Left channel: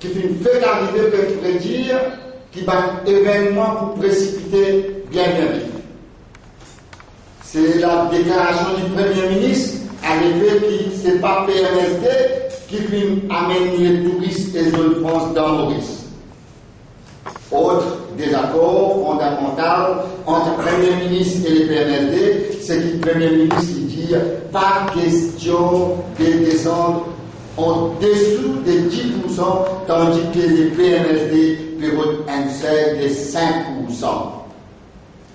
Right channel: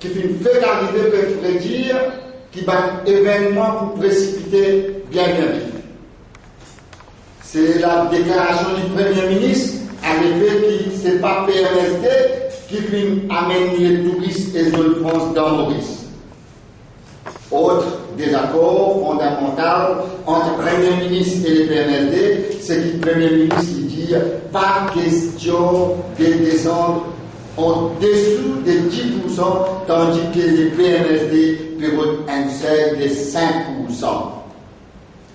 qui fait qu'arriver peut prédire qui va un événement pour précipiter bien vite. C'est la déclaration du Premier ministre arrivé qui c'est pas PMSD qui amène les touristes et les France dans Maurice. Autre désaccord fondamental entre le Premier ministre et le PMSD, c'est que le Premier ministre dit pas question de descendre en dessous de 10%, tandis que les PMSD prévoient un seuil de 5%.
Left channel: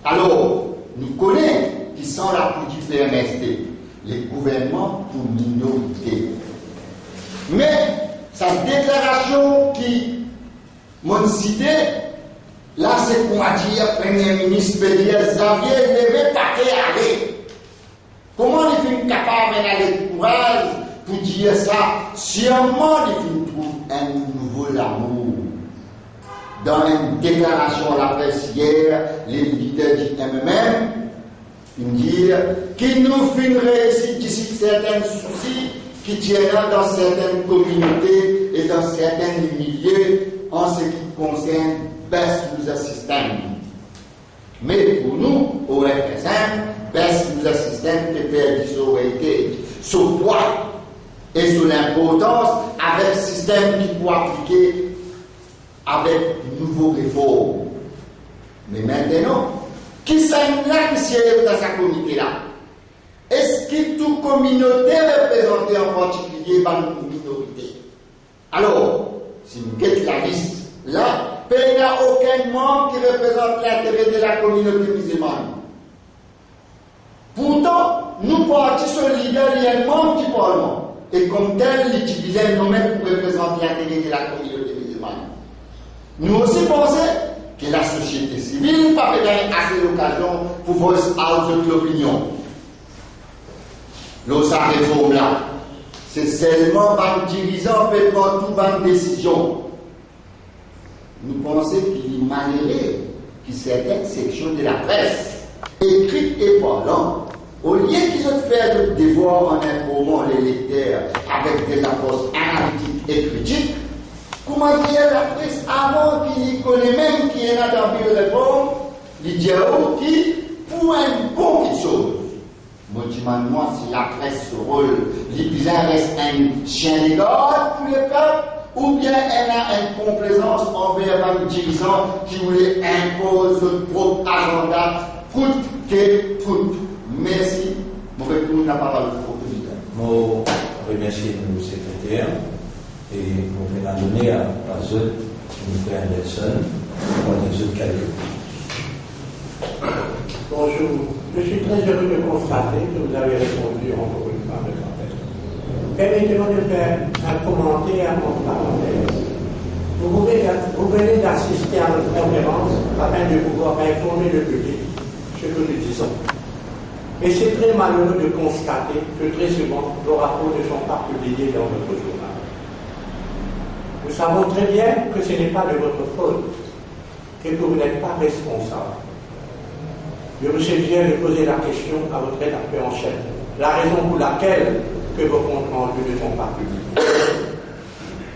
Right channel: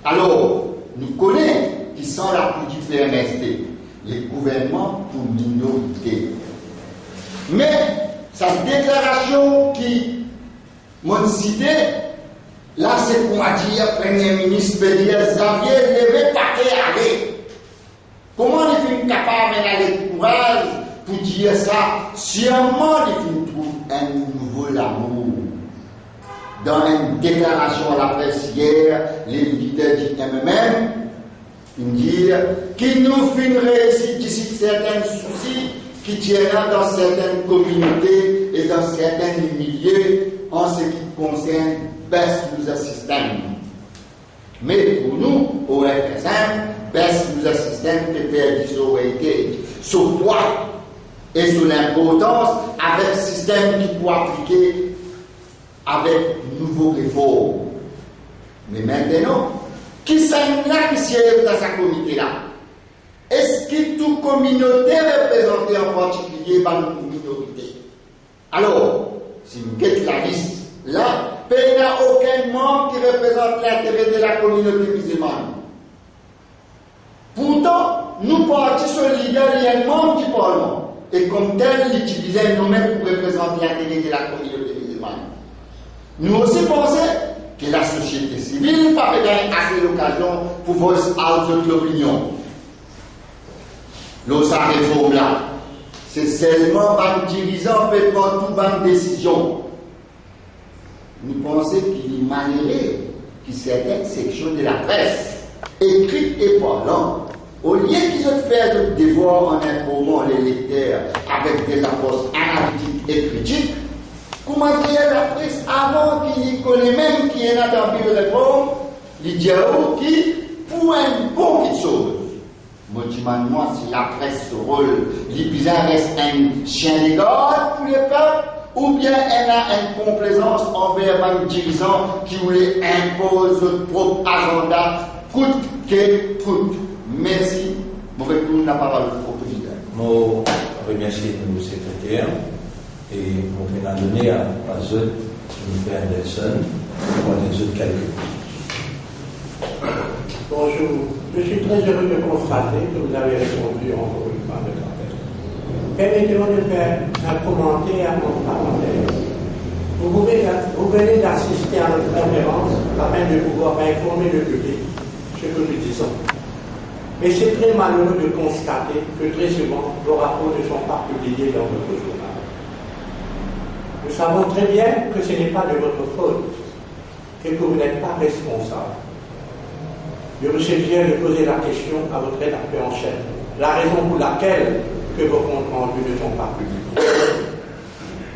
Alors, nous connaissons qui sont l'appui du PMSD, les gouvernements pour minorité. Mais, cette déclaration qui m'a cité, là c'est pour dire, Premier ministre peut dire, Xavier, levez paquet, allez. Comment est-il capable d'aller le courage pour dire ça? Sûrement, il trouve un nouveau amour. Dans une déclaration à la presse hier, les leaders du MMM, ils disent qu'il nous fait une réussite d'ici certains soucis qui tiendra dans certaines communautés et dans certains milieux en ce qui concerne baisse nous système. Mais pour nous, au RFSM, baisse nous système de perdre sur quoi et sur l'importance avec le système qui peut appliquer avec nouveaux réformes. Mais maintenant, qui sont là qui siège dans sa communauté-là? Est-ce que toute communauté représentée en particulier par une minorité? Alors, si vous guettez la liste, là, il n'y a aucun membre qui représente l'intérêt de la communauté musulmane. Pourtant, nous partis sur le leader, il y a un membre du Parlement. Et comme tel, il utilisait nous-mêmes pour représenter l'intérêt de la communauté musulmane. Nous aussi pensons que la société civile n'a pas assez l'occasion pour voice out de l'opinion. Sa réforme là, c'est seulement un dirigeant peut prendre toute une décision. Nous pensons qu'il est malheureux que certaines sections de la presse, écrites et parlant, au lieu qu'ils ont fait le devoir en informant les lecteurs avec des approches analytiques et critiques, comment dire la presse avant qu'il connaît même qui est là dans le réforme, les dialogues qui, pour un bon quelque chose. Moi, si la presse se rôle, les bizarres restent un chien de garde pour les peuples, ou bien elle a une complaisance envers un dirigeant qui voulait imposer son propre agenda, coûte que coûte. Merci. Je retourne la parole au président. Je remercie nos secrétaires et je vais la donner à eux, je vais faire Nelson, pour les autres calculs. Bonjour. Je suis très heureux de constater que vous avez répondu encore une fois à notre appel. Permettez-moi de faire un commentaire en parenthèse. Vous venez d'assister à notre conférence afin de pouvoir informer le public ce que nous disons. Mais c'est très malheureux de constater que très souvent, vos rapports ne sont pas publiés dans votre journal. Nous savons très bien que ce n'est pas de votre faute et que vous n'êtes pas responsable. Je vous suggère de poser la question à votre rédacteur en chef. La raison pour laquelle que vos comptes rendus ne sont pas publics.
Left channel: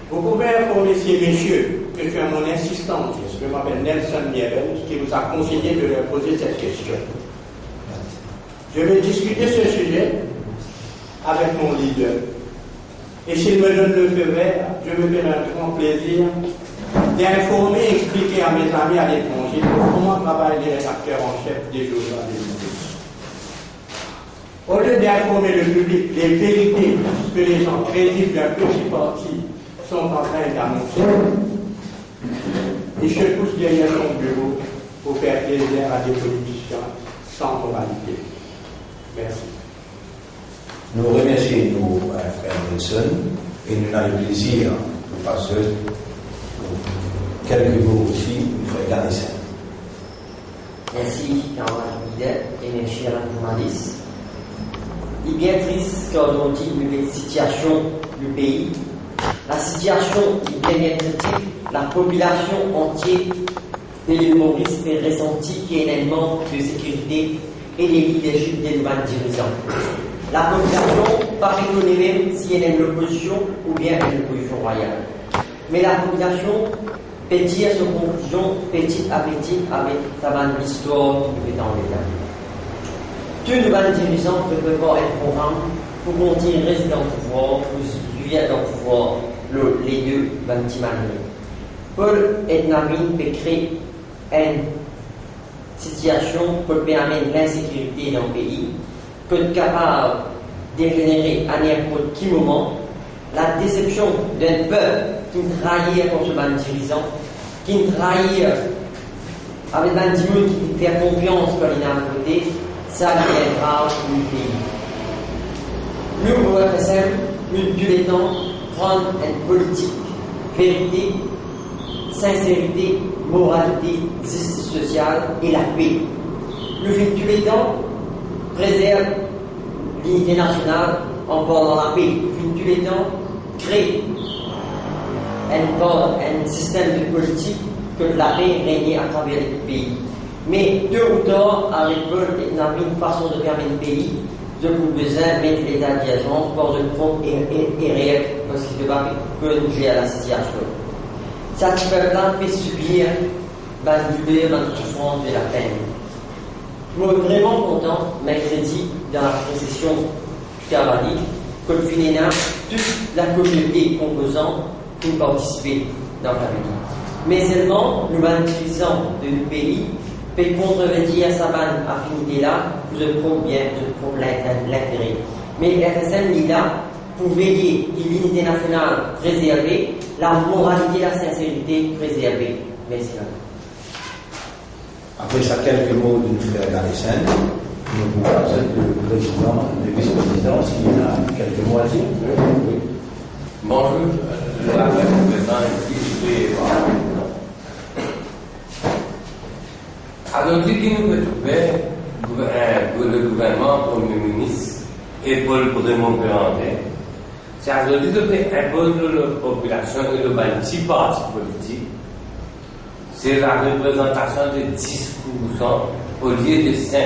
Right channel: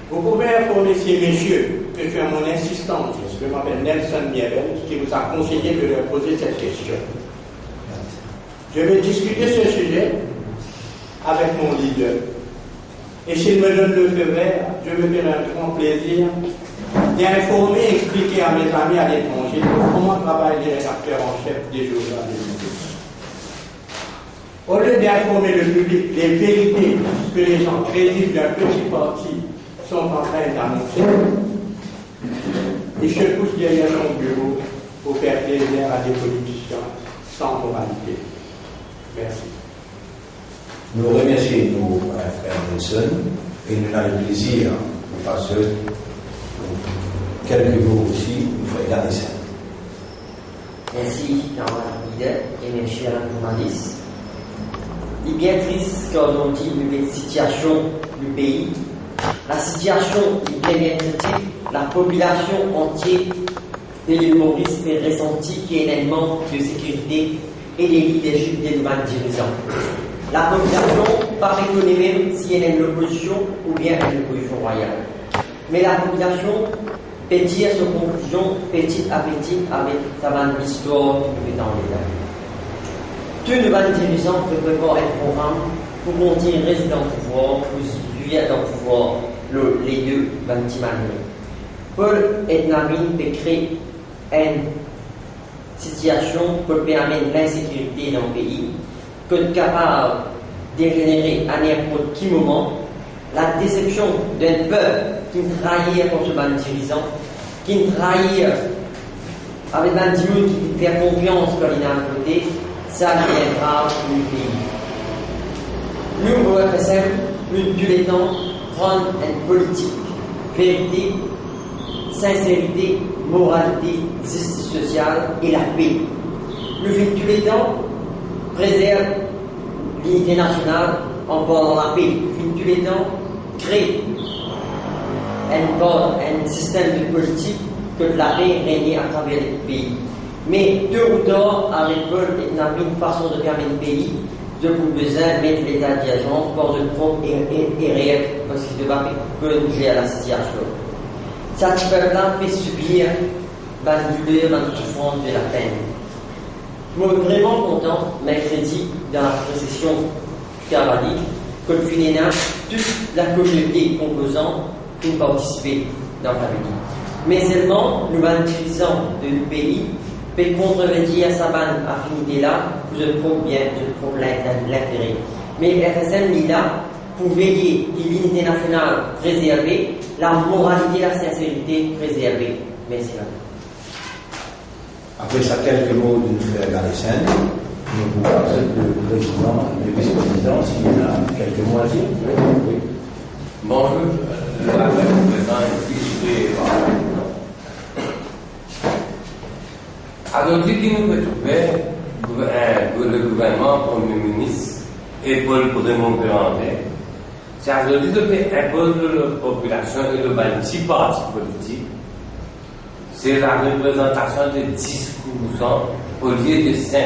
Vous pouvez informer ces messieurs que c'est à mon insistance, je m'appelle Nelson Miebel, qui vous a conseillé de leur poser cette question. Je vais discuter ce sujet avec mon leader. Et s'il me donne le feu vert, je me ferai un grand plaisir d'informer et expliquer à mes amis à l'étranger comment travaillent les rédacteurs en chef des journaux des médias. Au lieu d'informer le public des vérités que les gens crédibles d'un petit parti sont en train d'annoncer, ils se poussent derrière son bureau pour faire plaisir à des politiciens sans moralité. Merci. Nous remercions nos frères Nelson et nous avons le plaisir de passer quelques mots aussi pour faire garder ça. Merci, leader et mes chers journalistes. Il est bien triste quand on dit une situation du pays. La situation est bien critique. La population entière de l'île Maurice est ressentie qu'il y a un manque de sécurité et de leadership des nouvelles dirigeants. La population, pas reconnaît même s'il y a une opposition ou bien une opposition royale. Mais la population peut tirer son conclusion petit à petit avec sa bonne histoire qui est dans l'état. Tous les bonnes dirigeants peuvent prévoir un programme pour monter résident pouvoir, pour suivre dans le pouvoir les deux bonnes manières. Paul et Namine peuvent créer une situation pour permettre l'insécurité dans le pays, que capable de générer à n'importe quel moment la déception d'un peuple qui trahit contre le dirigeant, qui trahit avec un dieu qui fait confiance pour l'inautorité, ça devient grave pour le pays. Nous, au RSM, nous, tous les temps, prendre une politique, vérité, sincérité, moralité, justice sociale et la paix. Le fait tous les temps préserve l'unité nationale en pendant la paix. Le fait tous les temps crée un système de politique que la paix règne à travers le pays. Mais tôt ou tard, avec Paul et une façon de fermer le pays, je vous besoin de mettre l'état d'urgence pour de propre et réel parce qu'il ne va pas bouger à la situation. Cette période fait subir la douleur, la souffrance de la peine. Je suis vraiment content, mercredi, dans la procession caravanique, que le FUNENA, toute la communauté composante, qui participer dans la vie. Mais seulement, nous utilisons de nos pays, peut contrevenir sa bonne affinité-là pour le problème de l'intérêt. Mais RSM est là pour veiller à l'unité nationale préservée, la moralité, la sincérité préservée. Merci. Après ça, quelques mots de notre frère Galicienne. Nous vous passons le président, le vice-président, s'il y a quelques mots à dire. Oui. Bonjour, je m'appelle le président ici. Alors, ce qui nous peut trouver pour le gouvernement, pour le ministre et pour le gouvernement, c'est aujourd'hui de impose la population et le petit parti politique. C'est la représentation de 10% au lieu de 5%.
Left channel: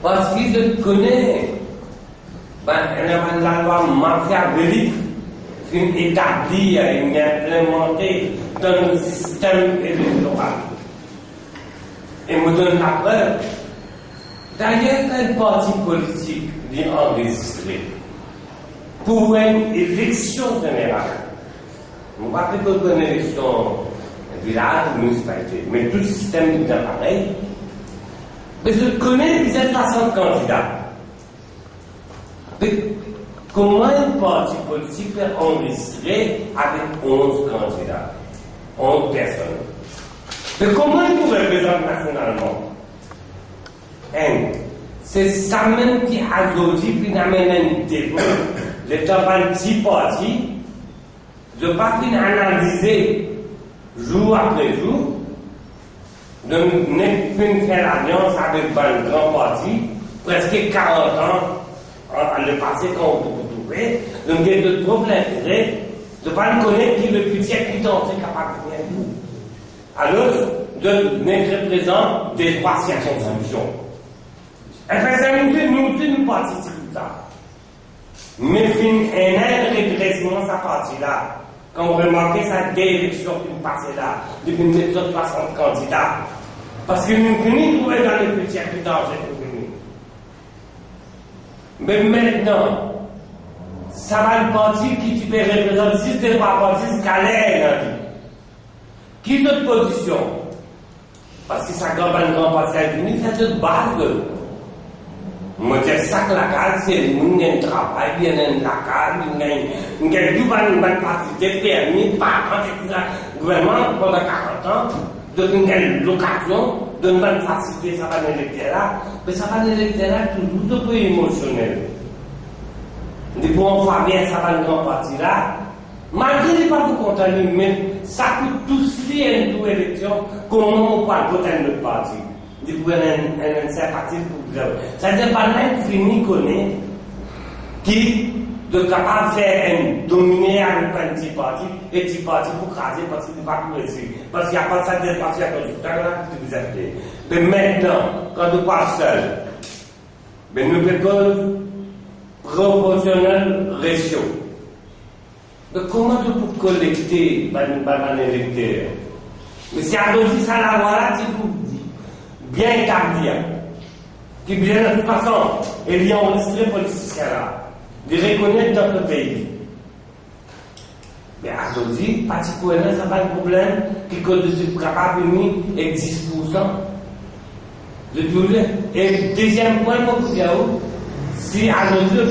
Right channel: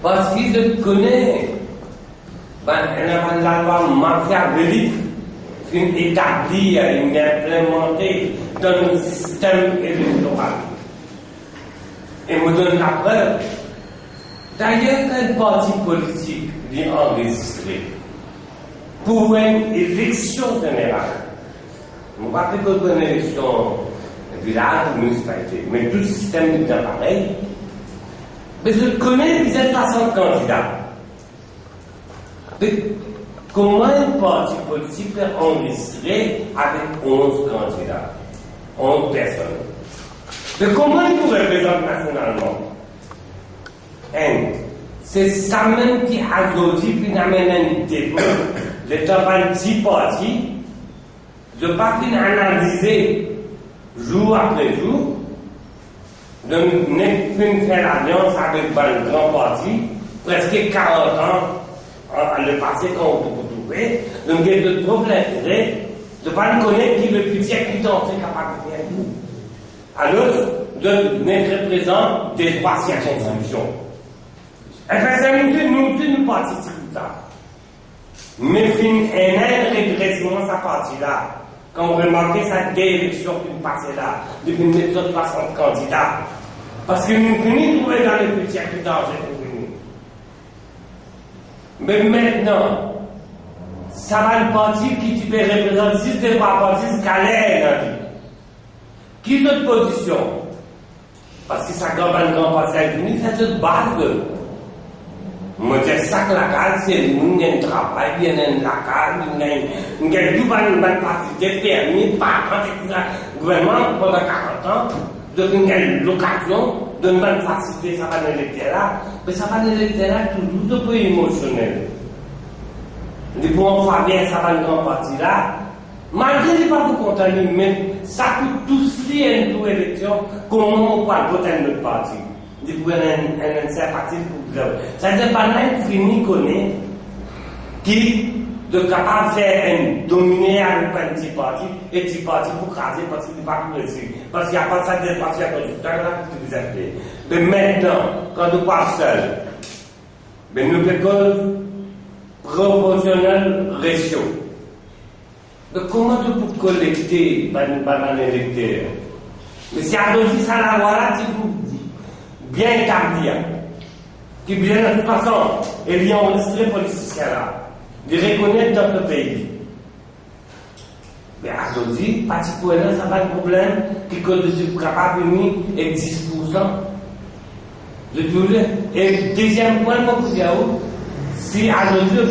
Parce qu'ils se connaissent, la loi machiavélique qui est établie et implémentée dans le système électoral. Et me donne la preuve. D'ailleurs, quel parti politique vient enregistrer pour une élection générale? Je ne parle pas d'une élection village ou municipalité, mais tout le système est pareil. Mais je connais les 60 candidats. Mais comment un parti politique peut enregistrer avec 11 candidats, 11 personnes? Mais comment il peut représenter nationalement? C'est ça même qui a aujourd'hui finalement un défaut. L'État va un petit parti. Je ne vais pas analyser jour après jour. De ne faire alliance avec un grand parti, presque 40 ans, le passé qu'on peut trouver. Donc il y a de problèmes d'intérêt. Je ne vais pas connaître qui le plus exécutant c'est capable de faire. Alors, de n'être présent des trois circonscriptions. Nous participons à ça. Mais un régressement sa partie-là. Quand vous remarquez cette élection qui nous passait là, depuis 1960 candidats, parce que nous venons trouver dans les petits circonscriptions pour venir. Mais maintenant, ça va le parti qui tu peux représenter, si ce n'est pas parti, c'est qu'elle est qui est notre position? Parce que ça gagne un grand parti avec nous, c'est une base. Moi, je sais que la case, c'est nous, il y a un travail, il y a la case, il y a tout un parti de permis, par contre, le gouvernement, pendant 40 ans, de l'occasion de nous faciliter ça va l'électorat, mais ça va l'électorat toujours un peu émotionnel. Depuis qu'on va bien, ça va le grand parti là, malgré les pas pour contenir, mais ça coûte tous les élections, comment on va voter notre parti. Depuis un sympathie pour vous. Ça ne veut pas même fini connaître qui de capable de faire un dominer avec un petit parti et petit parti pour craser parce qu'il n'est pas progressif. Parce qu'il n'y a pas de ça de parti à conducteur là pour vous appeler. Mais maintenant, quand on parle seul, nous faisons proportionnel ratio. Mais comment tu peux collecter un électeur? Mais si à dit ça, la voilà, c'est bien établi. Qui bien de toute façon, il y a enregistré les politiciens là, de reconnaître dans le pays. Mais à dit, parti pour elle, ça pas de problème, qui est capable de venir et 10%. Et le deuxième point, moi, pour dire, si à nos yeux,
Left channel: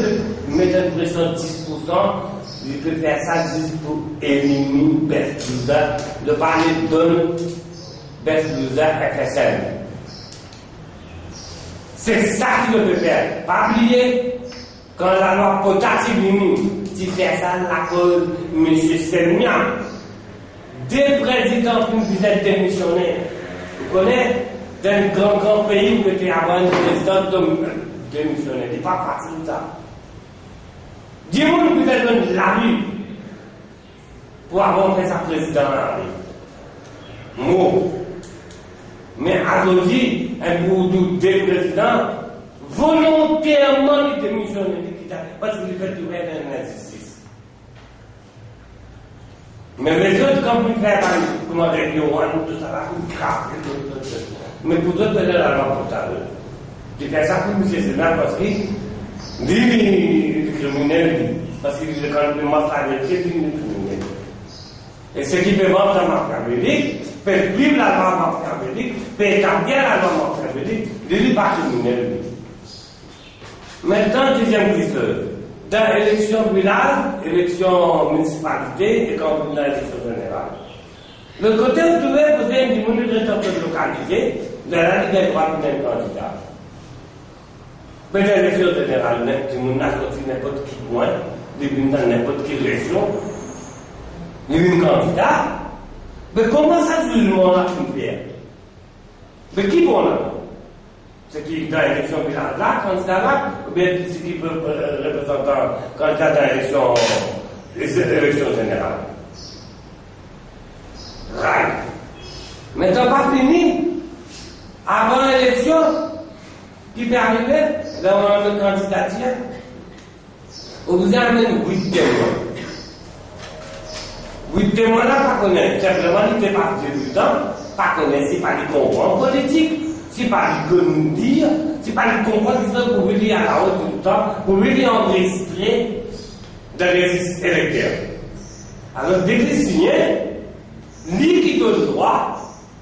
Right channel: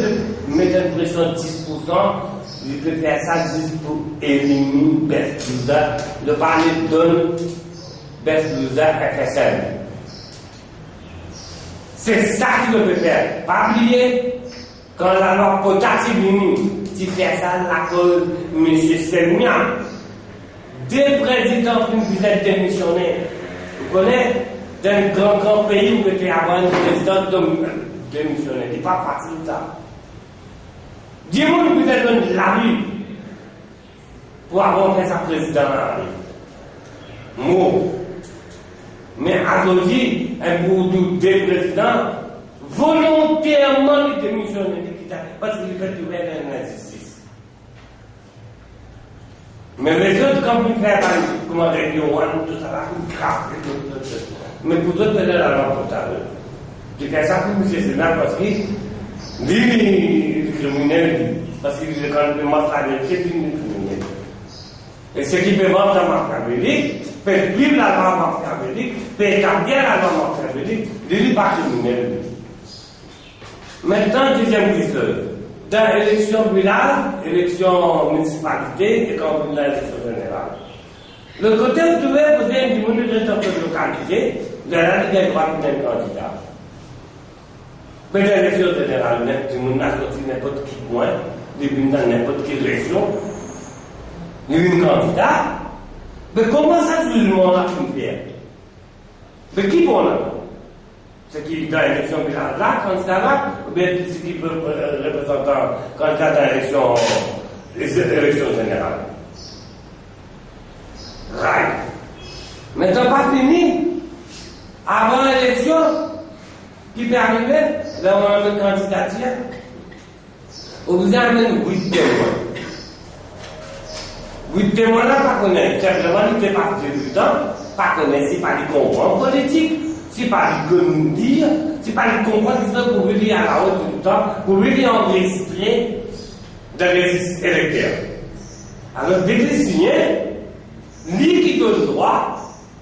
peut mettre une pression de 10%, il peut faire ça juste pour éliminer Best-Loser, de parler de Best-Loser FSL. C'est ça qu'il peut faire. Pas oublier, quand la loi potative tu fais ça, la cause, M. Selmian, deux présidents qui vous êtes démissionnaires. Vous connaissez, d'un grand pays où tu as un président démissionnaire. C'est pas facile ça. Dis-moi que vous êtes dans la rue pour avoir fait sa présidente dans la rue. Moi. Mais aujourd'hui, un bout de deux présidents volontairement démissionné parce qu'il fait du bien dans l'injustice. Mais les autres, comme ils font comme un réunion, tout ça, c'est grave. Mais pour d'autres, c'est la loi potable. Je fais ça pour M. Sénat parce qu'il est criminel, parce qu'il est quand même mortalité, il est criminel. Et ce qui peut voir dans Machiavélique, fait vivre la loi Machiavélique, fait établir la loi Machiavélique, il n'est pas criminel. Maintenant, deuxième question. Dans l'élection village, élection municipalité et quand on a l'élection générale. Le côté où tu veux poser du monde de localité, de la Ligue des droits d'un candidat. Mais dans l'élection générale, du monde a sorti n'importe qui point, dans n'importe quelle région. Il y a un candidat. Mais comment ça, tout le monde a fait? Mais qui bon là? Ce qui est dans l'élection village là, candidat là, ou bien ce qui peut représenter un candidat dans l'élection générale. Right. Mais t'as pas fini. Avant l'élection, qui peut arriver, là on a une candidature, on vous amène 8 témoins. 8 témoins là, pas connaître. Simplement, ils ne pas du temps, pas connaître, c'est pas les comprendre politique. Si pas les dire, si pas les comprendre, c'est pour venir à la haute du temps, pour venir enregistrer dans les électeurs. Alors, dès que signé, lui qui donne le droit,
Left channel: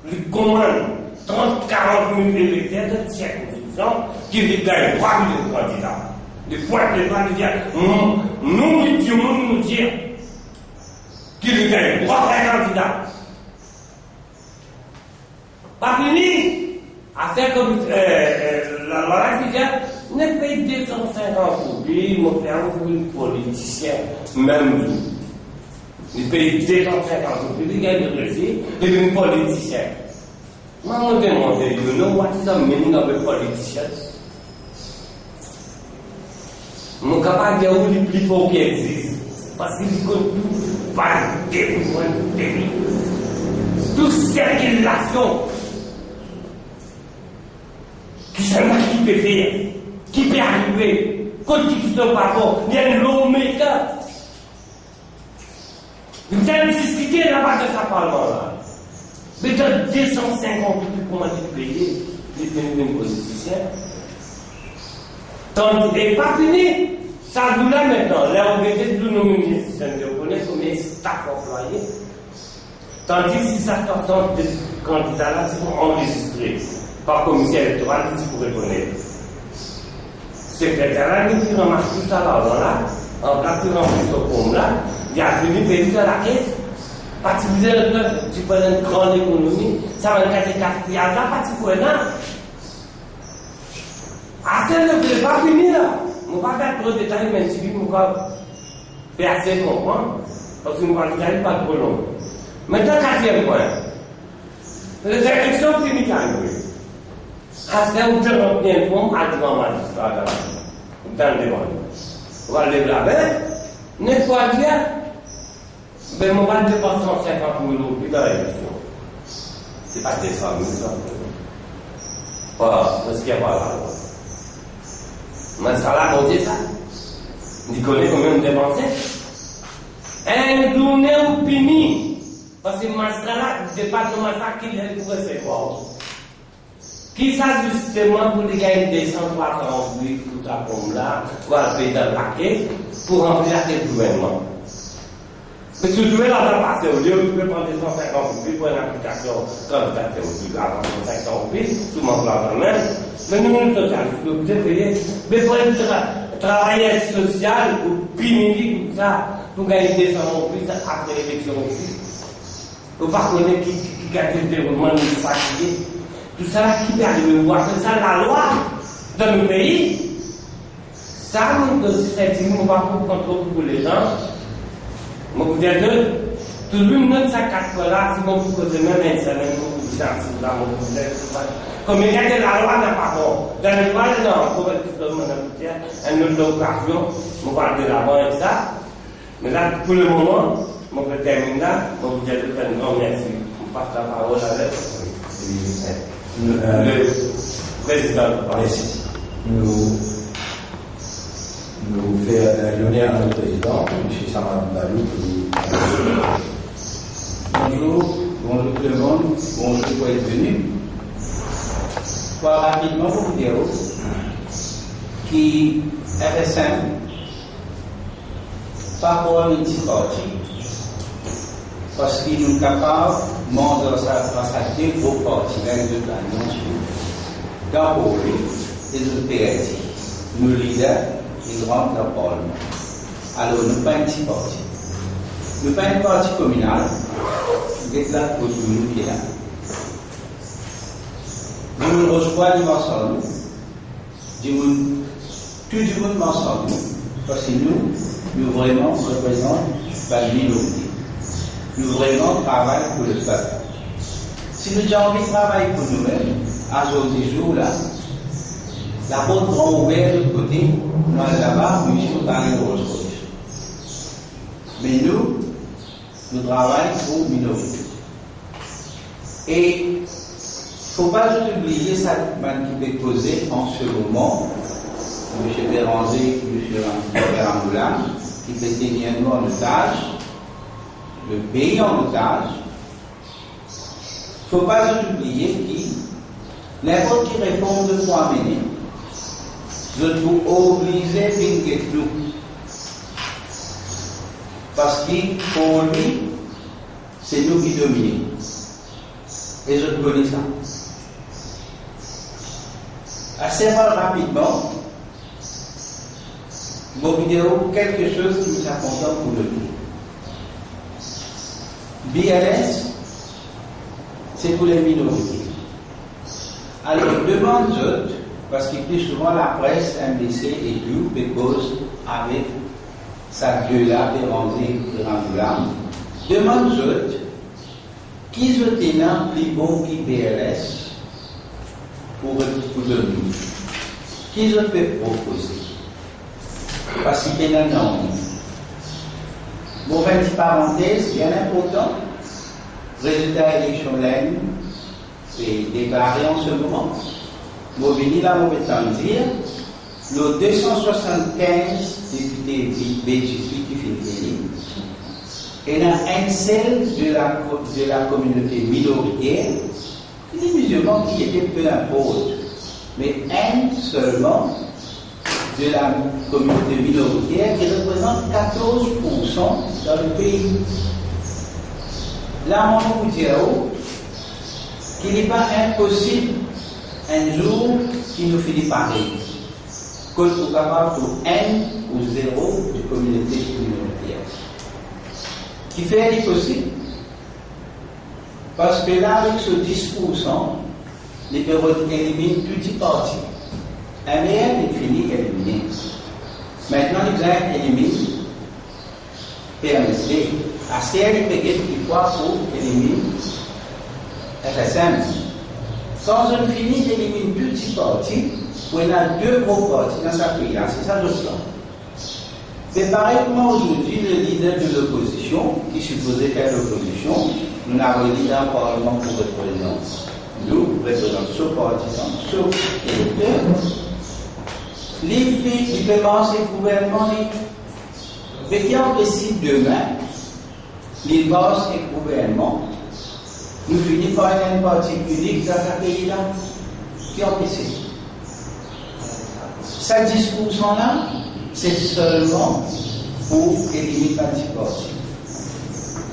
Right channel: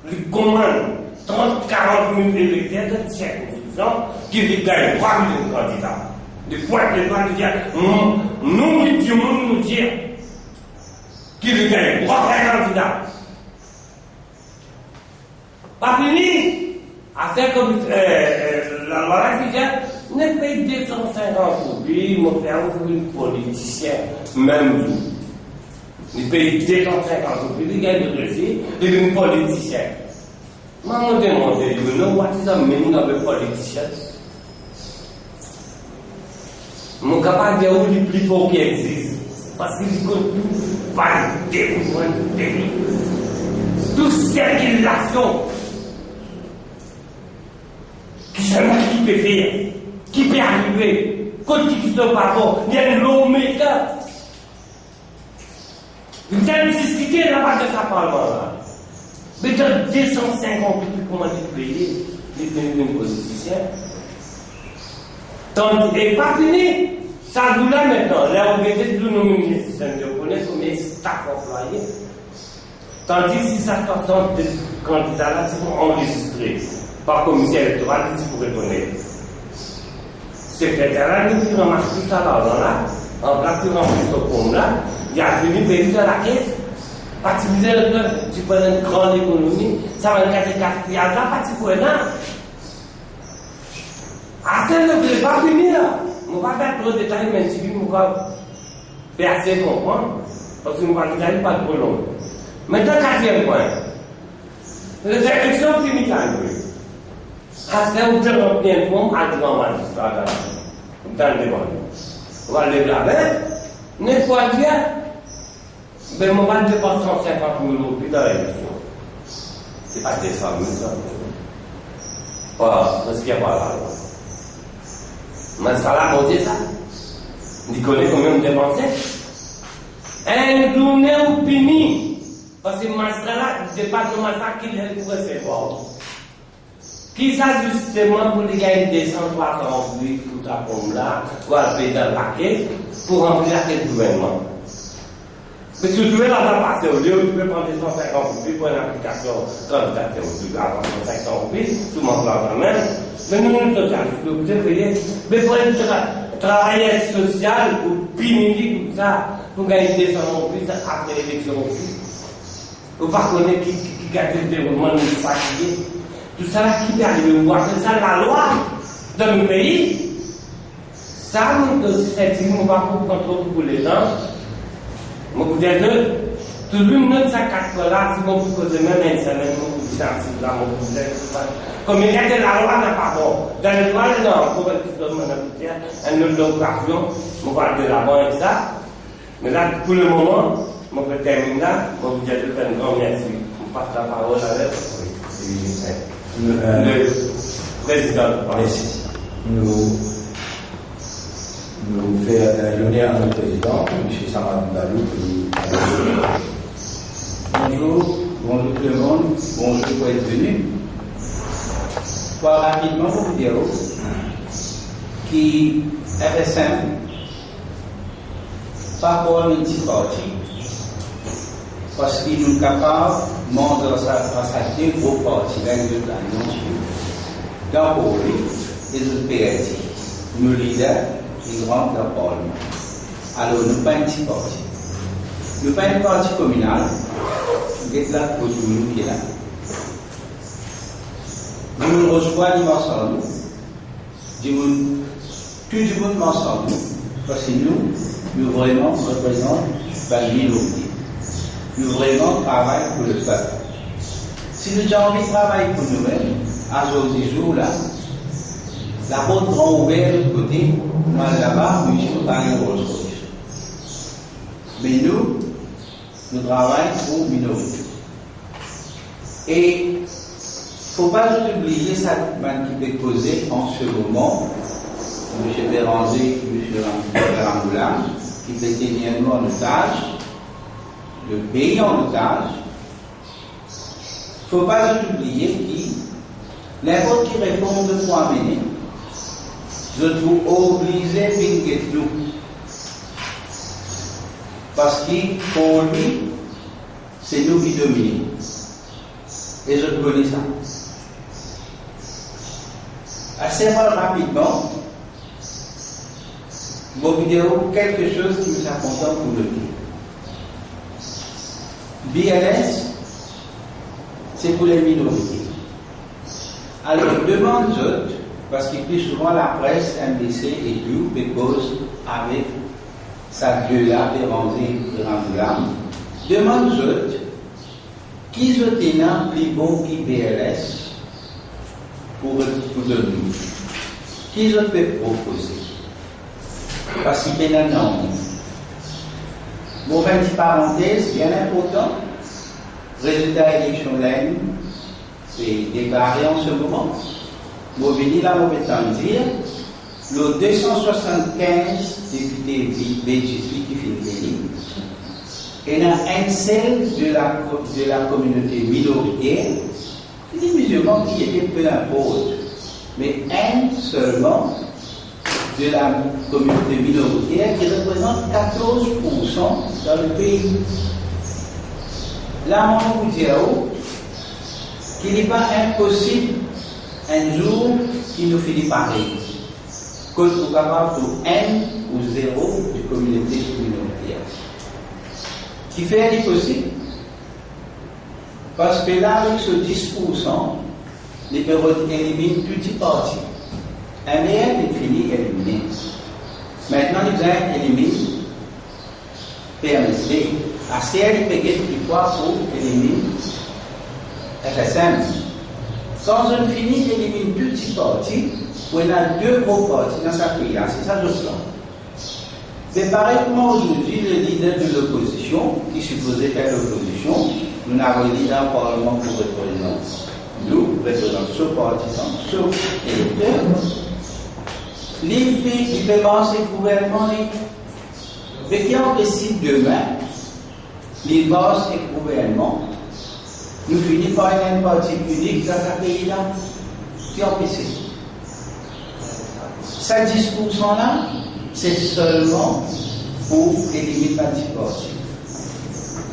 lui commande 30, 40 000 électeurs de circonscription qui lui gagnent 3 millions de candidats. De points les doigts de dire, nous, nous dire, qui lui gagne 3 candidats. Pas fini! À faire comme la loi ne paye 250 000, mon frère, vous êtes politicien, même vous. Il paye 250 000, il gagne le récit, il est un politicien. Moi, je me demande, you know what is the meaning of a politician? Je suis capable de dire où le plus fort qui existe, parce qu'il compte tout, pas de témoin de pays. Toute circulation. Qui seulement qui peut faire, qui peut arriver, quand qui ne pas bon, il y a une lawmaker. Vous avez discuté là-bas de sa parlement là. Mais dans 250 000 comment tu payes, les mêmes politiciens. Donc, et pas fini. Ça nous là maintenant. Là, on était tous nos ministres, on connaît combien staff employés. Tandis que si ça sort de candidats là, c'est pour enregistrer. Par commissaire électoral, si vous reconnaissez. Secrétaire, qui remarque tout ça là, en place de remplir ce compte là, il a venu payer à la caisse, participer tu peux une grande économie, ça va être 4 milliards là, participer là. À ce moment-là, je ne vais pas finir là. Je ne vais pas faire trop de détails, mais si je vais faire assez comprendre, parce que je ne vais pas détailler pas trop long. Maintenant, 4e point. Les élections finissent à nous. À ce moment-là, on bien pour un grand magistrat dans le débat. On va le graver, n'est pas dire, mais on va dépenser 150 000 € dans l'élection. Ce n'est pas 200 000 €. Pas, parce qu'il n'y a pas là. Mais ça l'a monté ça. Il connaît combien on dépensait. une journée où fini, parce que là, le département ça qu'il est pour recevoir. Qui ça justement pour les gars des 100 300 plus tout ça comme là, pour aller dans la caisse, pour remplir la tête du gouvernement. Mais si tu veux l'argent passer au lieu, tu peux prendre 150 plus pour une application candidature au lieu avant 150 plus, tout le monde l'argent même. Mais nous, nous sommes socialistes, vous devez payer. Mais pour être travailleur social ou pénible comme ça, pour gagner 200 plus après l'élection aussi. Vous ne connaissez pas qui a le développement de fatigué. Tout ça qui peut arriver, vous appelez ça la loi dans le pays. Ça, nous aussi, c'est une loi pour contrôler pour les gens. Je vous dis tout le monde, ça casse là, si vous posez même un salaire, vous cherchez là, vous dites, comme il y a que la loi n'a pas bon. Dans le droit, non, pour une autre occasion, on va de l'avant et ça. Mais là, pour le moment, je vais terminer là, je vous dis un grand merci. On passe la parole à le président. Merci. Nous faisons l'honneur à notre président, M. Samad Balou. Bonjour tout le monde, bonjour pour être venu. Pour rapidement vous dire qui est simple, pas pour un petit parti, parce qu'il est capable de monter sa deux gros partis, là, de l'annonce, dans le pays, et de PRT, nous leaders, les grands de la Parlement. Alors, nous ne sommes pas un petit parti. Nous ne sommes pas un parti communal, nous sommes là pour tout le monde qui est là. Nous recevons ensemble, tout le monde ensemble, parce que nous vraiment représentons la minorité. Nous vraiment travaillons pour le peuple. Si nous avons envie de travailler pour nous-mêmes, à ce jour-là, la porte est ouverte de l'autre côté, nous allons là-bas, nous sommes dans les Rolls-Royce. Mais nous travaillons pour la minorité. Et il ne faut pas oublier ça qui peut causer en ce moment, M. Béranger, M. Ramboulin, qui peut tenir nous en otage, le pays en otage. Il ne faut pas oublier que n'importe quelle réforme de quoi mener, je dois obliger à nous. Parce que pour lui, c'est nous qui dominons. Et je connais ça. Assez rapidement, vos vidéos, quelque chose qui nous important pour le dire. BLS, c'est pour les minorités. Alors, demande d'autres, parce que plus souvent la presse, MDC et tout, because avec sa gueule-là, Béranger, Ramboulin, demande d'autres, qui sont plus bon qui BLS pour donner? Qui je peux proposer? Parce qu'il y a un nom. Bon, une parenthèse bien important. Résultat élection l'année, c'est déclaré en ce moment. Bon, venez là, on peut dire, le 275 députés BGP qui finit. Et il y a un seul de la communauté minoritaire, des musulmans qui étaient peu importe, mais un seulement de la communauté minoritaire qui représente 14% dans le pays. Là, on vous dire qu'il n'est pas impossible un jour qu'il nous finit pareil. Que nous sommes capables de 1 ou 0 de communauté minoritaire. Qui fait possible. Parce que là, avec ce 10%, les périodes éliminent petit parti. Un meilleur est fini, éliminé. Maintenant, les gens éliminent PMSD. À ce qu'elle est payée une fois pour éliminer FSM. Quand on finit d'éliminer petit parti, on a deux gros partis dans sa pays-là. C'est ça le plan. Mais pareillement aujourd'hui, le leader de l'opposition, qui supposait faire l'opposition, nous n'avons dit dans le Parlement pour représenter. Nous représentons ce partisan, ce électeur. Les filles, ils peuvent lancer le gouvernement. Mais qui en décide demain, les boss et le gouvernement, nous finissons par une partie unique dans ce pays-là qui est empêché. Ce 10%-là, c'est seulement pour éliminer l'anticorps.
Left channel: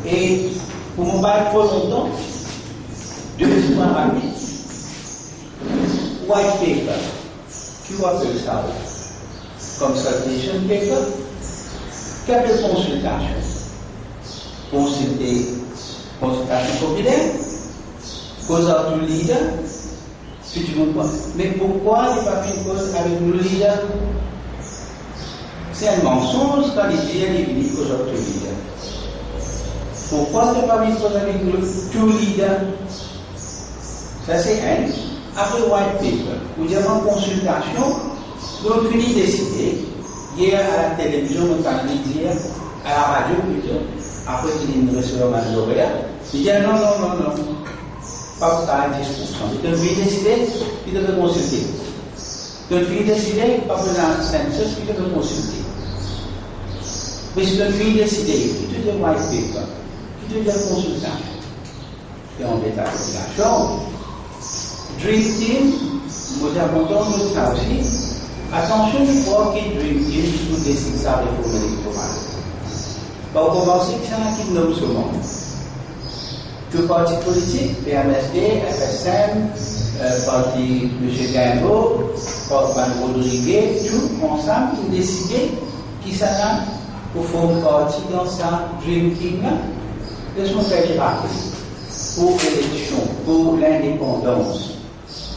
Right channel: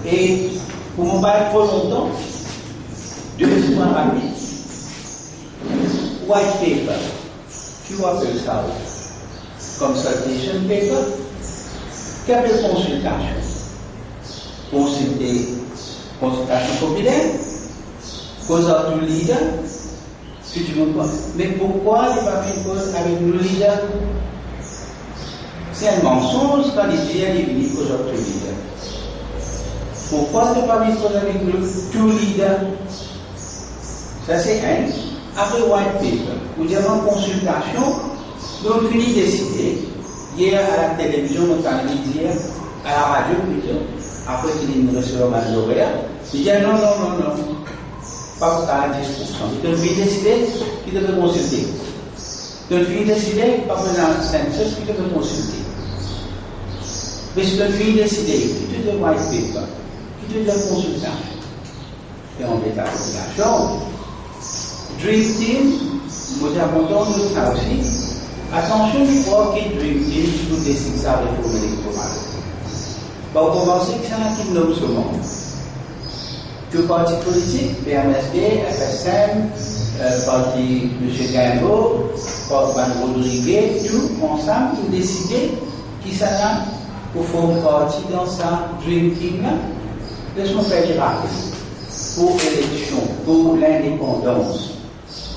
Et pour ne pas être trop longtemps, deux points rapides. White paper, qui appelle ça? Consultation paper, qui appelle consultation. Consultation populaire, cause à tout leader, si tu veux pas. Mais pourquoi il n'y a pas fait une cause avec le leader? C'est un mensonge quand il dit qu'il est cause à tout leader. Pourquoi il n'y a pas fait une cause avec le tout leader? Ça c'est un. Après white paper, vous avez une consultation, nous finissons de décider. Hier à la télévision, nous avons dit hier, à la radio plutôt, après qu'il nous reçoit le lauréat, il dit non, pas pour 10%. Il devait décider qu'il devait consulter. Il devait décider, pas pour un census, qu'il devait consulter. Mais il devait décider, qu'il devait white paper, qu'il devait consultation. Et on met la population. Dream Team, nous avons entendu ça aussi. Attention, il faut que Dream Team tout décide sa réforme électorale. On commence que c'est un qui nomme ce monde. Tout parti politique, PMSD, FSM, parti M. Gaimbo, Mme Rodriguez, tout ensemble, ils ont décidé qui s'en pour former partie dans sa Dream Team là. Laisse-moi faire des rappels. Pour l'élection, pour l'indépendance.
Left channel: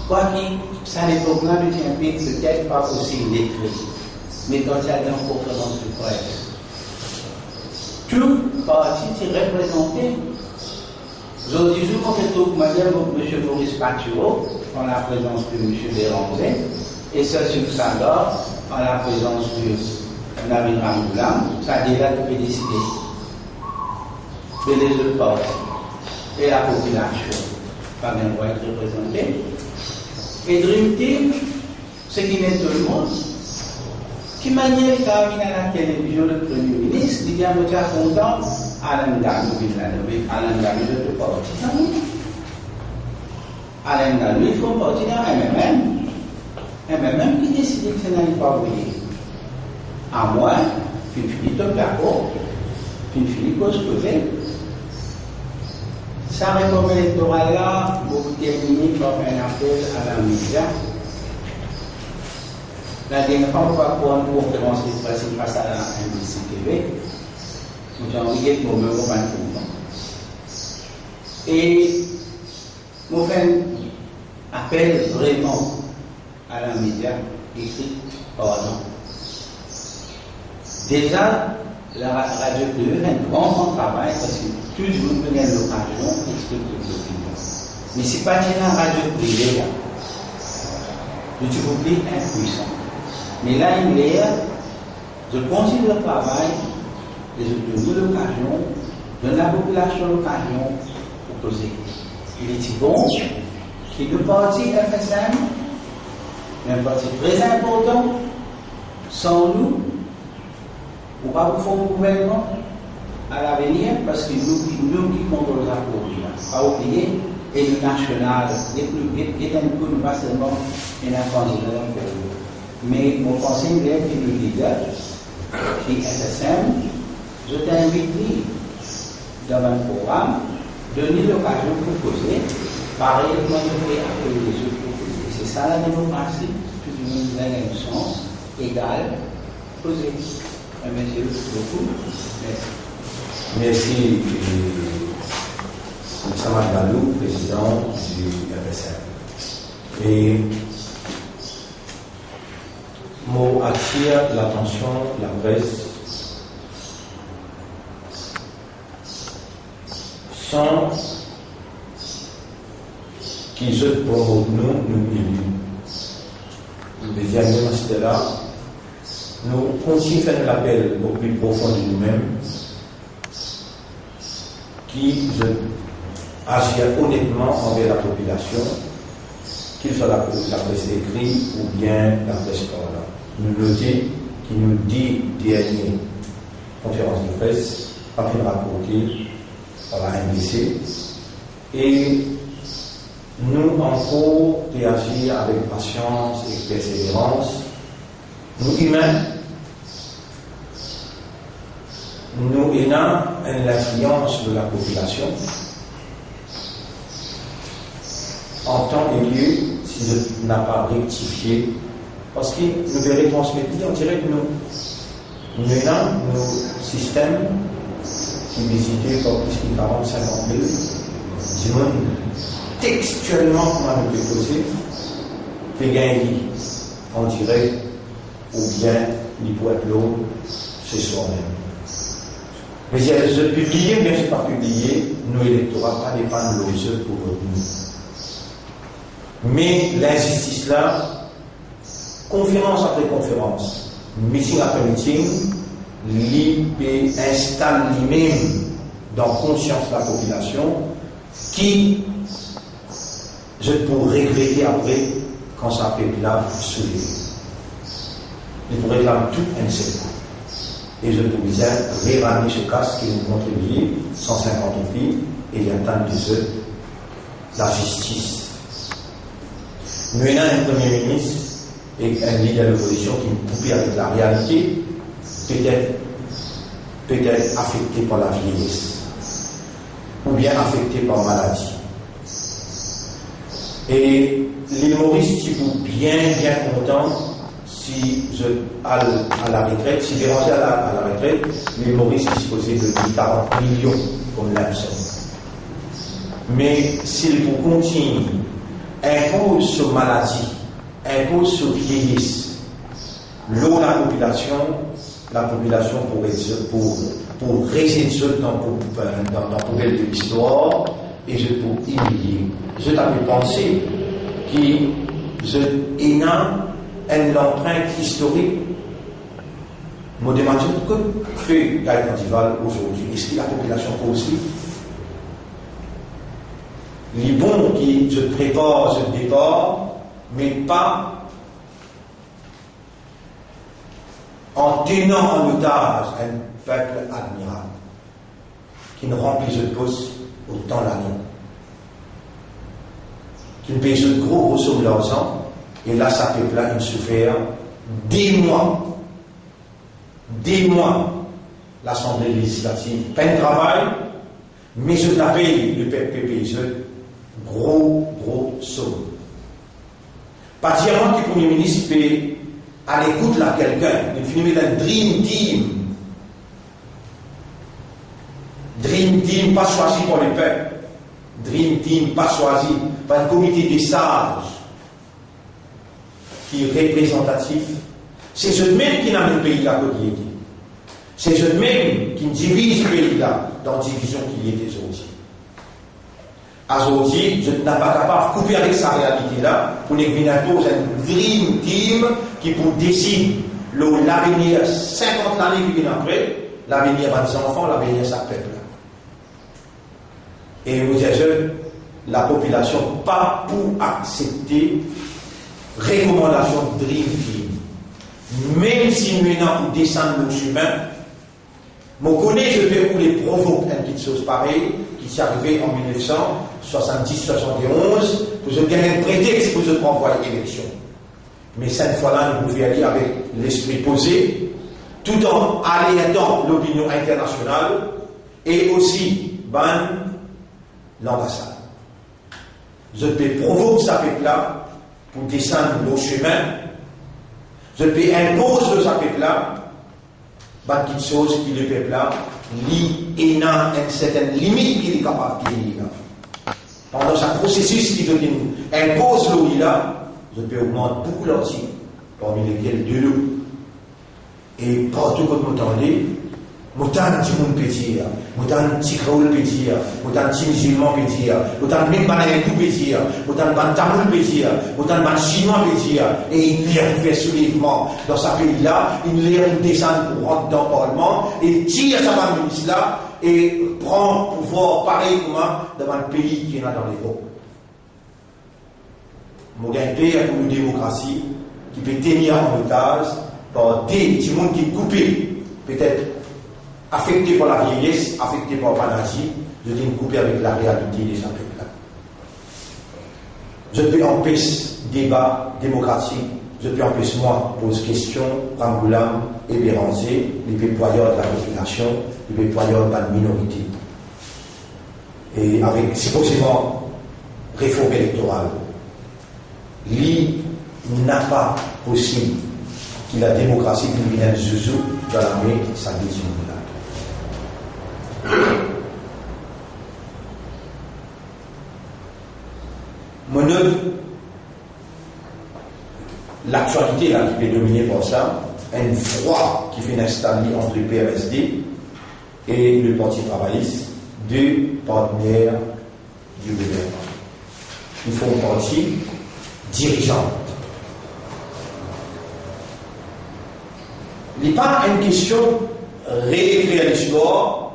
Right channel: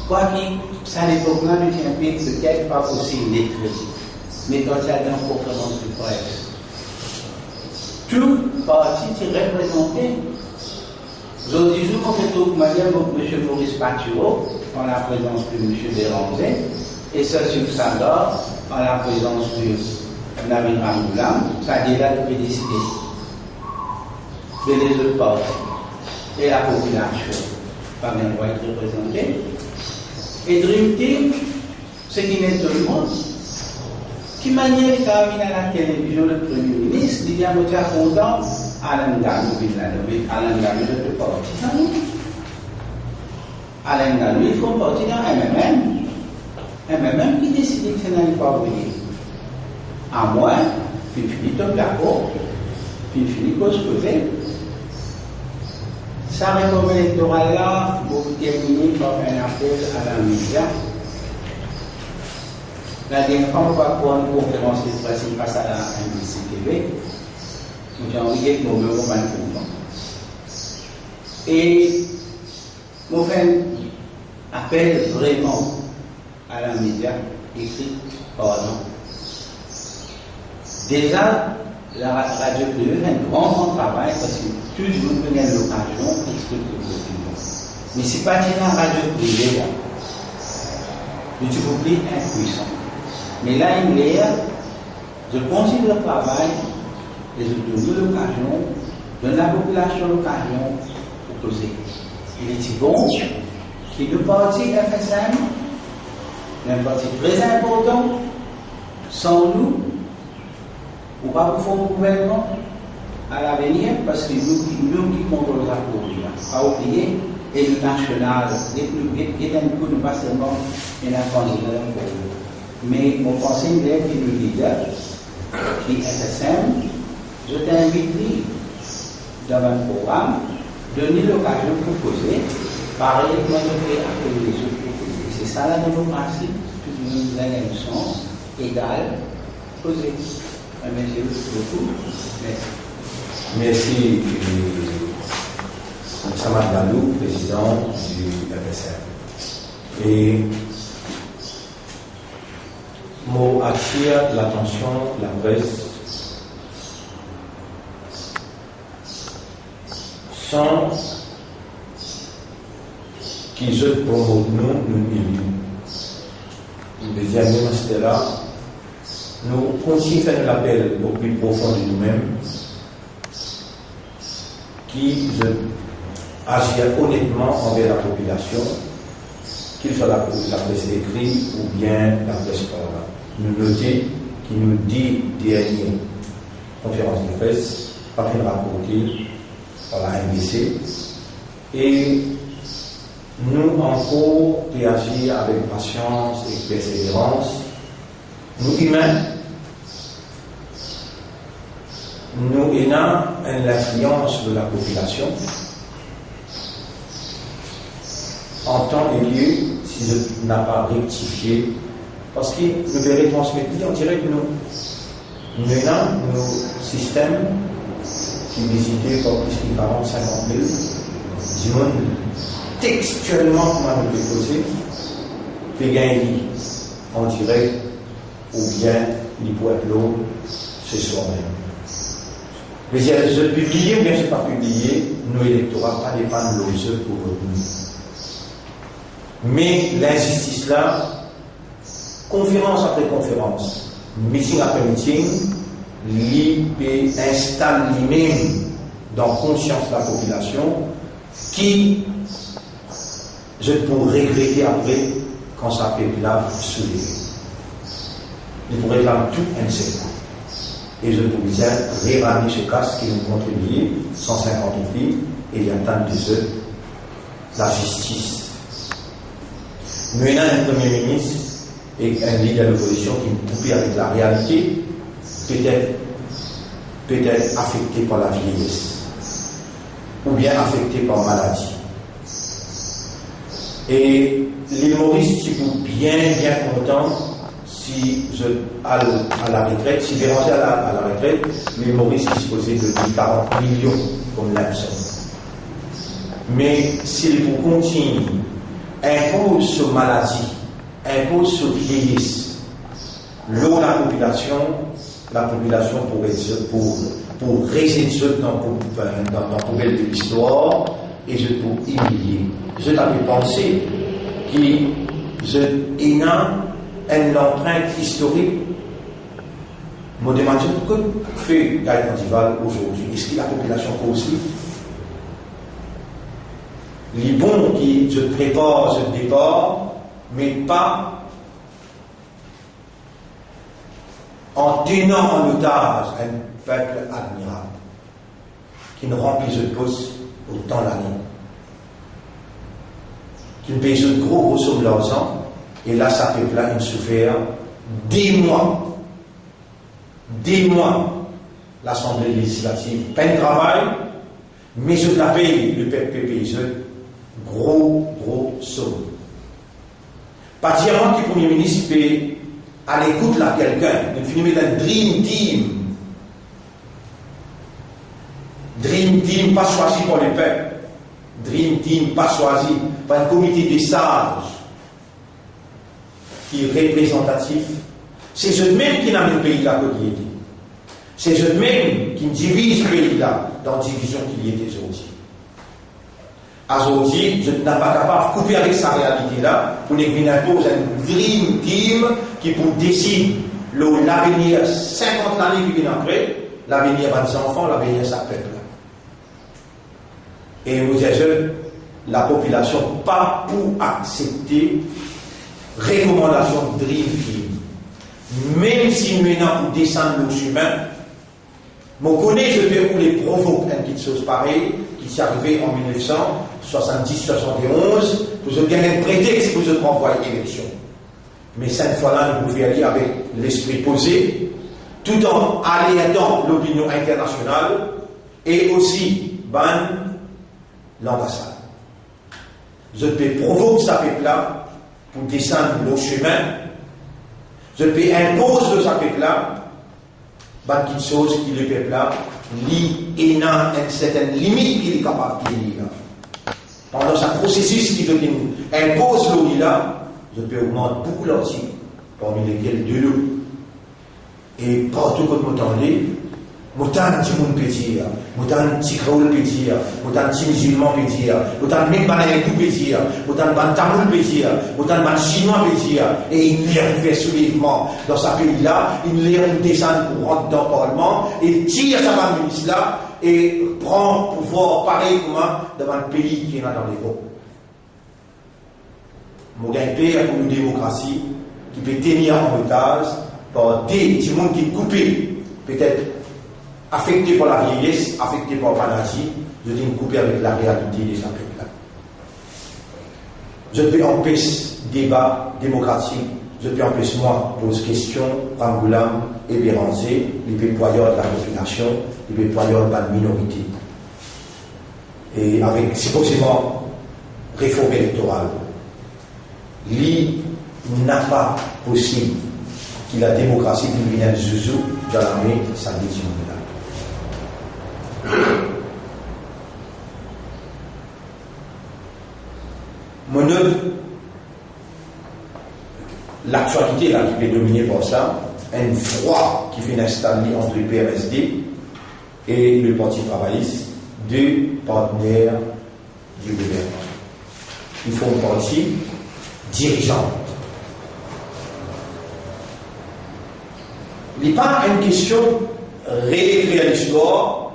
Quoi qu'il, ça n'est pas là, nous tient peut-être pas aussi lettré. Mais quand il y a une conférence de presse, tout parti est représenté. Aujourd'hui, je vous madame M. Maurice Patureau, en la présence de M. Béranger, et Cécile Sandor, en la présence de Nabil Ramoulam, ça a déjà pu décider. Mais les autres partis et la population, pas même doit être représentée. Et Dream Team, ce qui met tout le monde, qui manière quand il à la télévision le Premier ministre, il dit à moi, content, Alain Galou, Alain Galou de parti. Alain Galou, il faut partir dans MMM qui décide que ça n'allait pas venir. À moi, puis finit top d'accord, puis finit cause posée. Sa réforme électorale-là, vous terminez par un appel à la média. La dernière fois, on va prendre une conférence de presse face à la NBC TV. Nous avons envoyé nos mêmes moments. Et nous faisons un appel vraiment à la média écrit pardon. Déjà, la radio privée fait un grand travail parce que tout le monde peut gagner l'occasion d'expliquer l'opinion. Mais ce n'est pas une radio privée, le public impuissant. Mais là, il est, je continue le travail, et je donne l'occasion, donne la population l'occasion pour poser. Il est bon que le parti FSM, un parti très important, sans nous, ou pas pour faire un gouvernement à l'avenir, parce que nous qui contrôlons la politique, pas oublier, et le national, et d'un coup, pas seulement un candidat mais mon conseil est que le leader, qui est FSM, je t'invite dans un programme, donner l'occasion pour poser, pareil comme je fais avec les autres proposés. C'est ça la démocratie, tout le monde a un sens égal, poser. Merci beaucoup. Merci, Samad Galou, président du FSM. Et mot attire l'attention de la presse sans qu'ils se promotent nous élus. Le deuxième c'était là. Nous continuons à faire l'appel au plus profond de nous-mêmes qui agit honnêtement envers la population, qu'il soit la presse écrite ou bien la presse orale. Nous notons qui nous dit dernier conférence de presse, pas fait rapporter par la MDC. Et nous, encore, agir avec patience et persévérance. Nous, humains, nous ayons l'influence de la population en temps et lieu si je n'ai pas rectifié, parce que nous devons transmettre, on dirait que nous avons nos systèmes qui visités par plus de 40, 50 000, du monde textuellement, comment nous déposer, puis gagner en direct, ou bien il peut être l'eau chez soi-même. Mais si je publie, bien sûr pas publié, nos électorats pas dépendre de l'eau pour retenir. Mais l'injustice là, conférence après conférence, meeting après meeting, il installe lui-même dans la conscience de la population qui, je pourrais regretter après quand ça peut là soulever. Il pourrait réclamer tout un seul coup. Et je peux vous dire, réramer ce casque qui nous contribue, 150 filles, et il y a tant de eux, la justice. Nous avons un Premier ministre et un leader de l'opposition qui nous coupe avec la réalité, peut-être affecté par la vieillesse, ou bien affecté par maladie. Et l'île Maurice, qui pour bien content, si je à la retraite, si je rentre à la retraite, l'île Maurice disposait de 40 millions comme l'absent. Mais s'il vous continue, impose sur maladie, impose sur vieillesse, l'eau la population pour résister dans la poubelle de l'histoire, et je peux humilier. Je t'avais pensé que je ai une empreinte historique. Je me demande que fait Gaëtan Dival aujourd'hui. Est-ce que la population peut aussi? Les bons qui je prépare, je départ, mais pas en tenant en otage un peuple admirable qui ne remplit ce poste autant l'année, qui ne paye ce gros somme d'argent, et là, ça peuple là, il souffert des mois, l'Assemblée législative, peine de travail, mais je la paye, le peuple paye gros somme. Particulièrement que le Premier ministre peut à l'écoute de quelqu'un, il finit d'un Dream Team. Dream Team pas choisi par le peuple. Dream Team pas choisi par un comité des sages qui est représentatif. C'est eux-mêmes qui n'ont le pays là que il était. C'est eux-mêmes qui divisent le pays là dans la division qu'il y était aujourd'hui. Aujourd'hui, je n'ai pas capable de couper avec sa réalité là pour nous venir imposer un Dream Team qui pour décider l'avenir 50 années qui viennent après, l'avenir de nos enfants, l'avenir de sa peuple. Et vous êtes la population pas pour accepter recommandation de Dream Team. Même si nous sommes pour descendre nos chemins, je connais, je vais vous les provoquer une petite chose pareille qui s'est arrivée en 1970-71 pour se gagner un prétexte pour se renvoyer à l'élection. Mais cette fois-là, nous pouvons aller avec l'esprit posé, tout en alertant l'opinion internationale et aussi l'ambassade. Je peux provoquer sa peuple-là pour descendre nos chemins. Je peux imposer sa peuple-là quelque chose qui le peuple-là il a une certaine limite qu'il est capable de tenir. Pendant ce processus qui impose l'eau là, je peux augmenter beaucoup l'article, parmi lesquels de l'eau. Et partout que vous entendez, autant de monde peut dire, autant de petits kraoul peut dire, autant de petits musulmans peut dire, autant de même banayétou peut dire, autant de tamoul peut dire, autant de chinois peut dire, et il fait soulèvement dans ce pays-là, il descend pour rentrer dans le Parlement, et tire sa ministre là, et prend pouvoir pareil comme dans le pays qui est dans l'Europe. Mon pays pour une démocratie qui peut tenir en otage par des gens qui coupent, peut-être affecté par la vieillesse, affecté par la maladie, je dis me couper avec la réalité des peuple. Je peux empêcher débat démocratique, je peux empêcher moi pose question, Ramboulam et Béranger, les déployeurs de la population, les déployeurs de la minorité. Et avec supposément réforme électorale, il n'a pas possible que la démocratie vienne zouzou dans l'armée, ça dit là. Mon œuvre, l'actualité là qui est dominée par ça, un froid qui fait installer entre le PRSD et le Parti travailliste, deux partenaires du gouvernement. Ils font partie dirigeante. Il n'est pas une question réécrire l'histoire.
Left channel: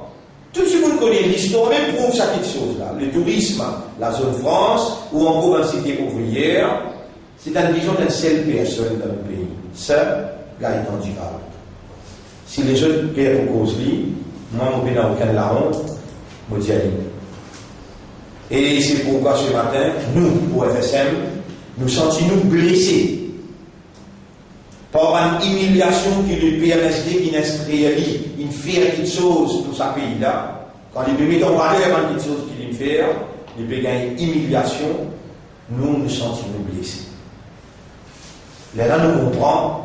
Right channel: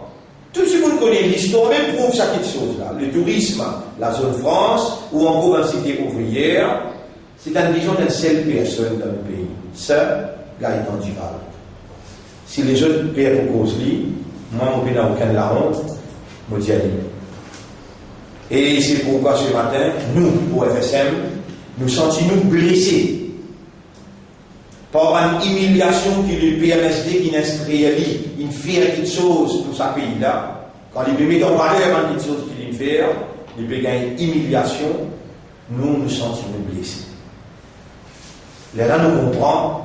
Tout le monde connaît l'histoire, même prouve ça quelque chose là. Le tourisme, la zone France, ou encore la cité ouvrière, c'est une vision d'une seule personne dans le pays. Seul, Gaëtan Duval. Si les autres perdent pour cause moi, je ne peux pas aucun la honte, je dis à lui. Et c'est pourquoi ce matin, nous, au FSM, nous sentons-nous blessés par une humiliation que le PMSD qui réalise, il fait quelque chose pour ce pays-là. Quand il peut mettre en valeur quelque chose qu'il fait, il peut gagner une humiliation, nous nous sentons-nous blessés. Là, nous comprenons,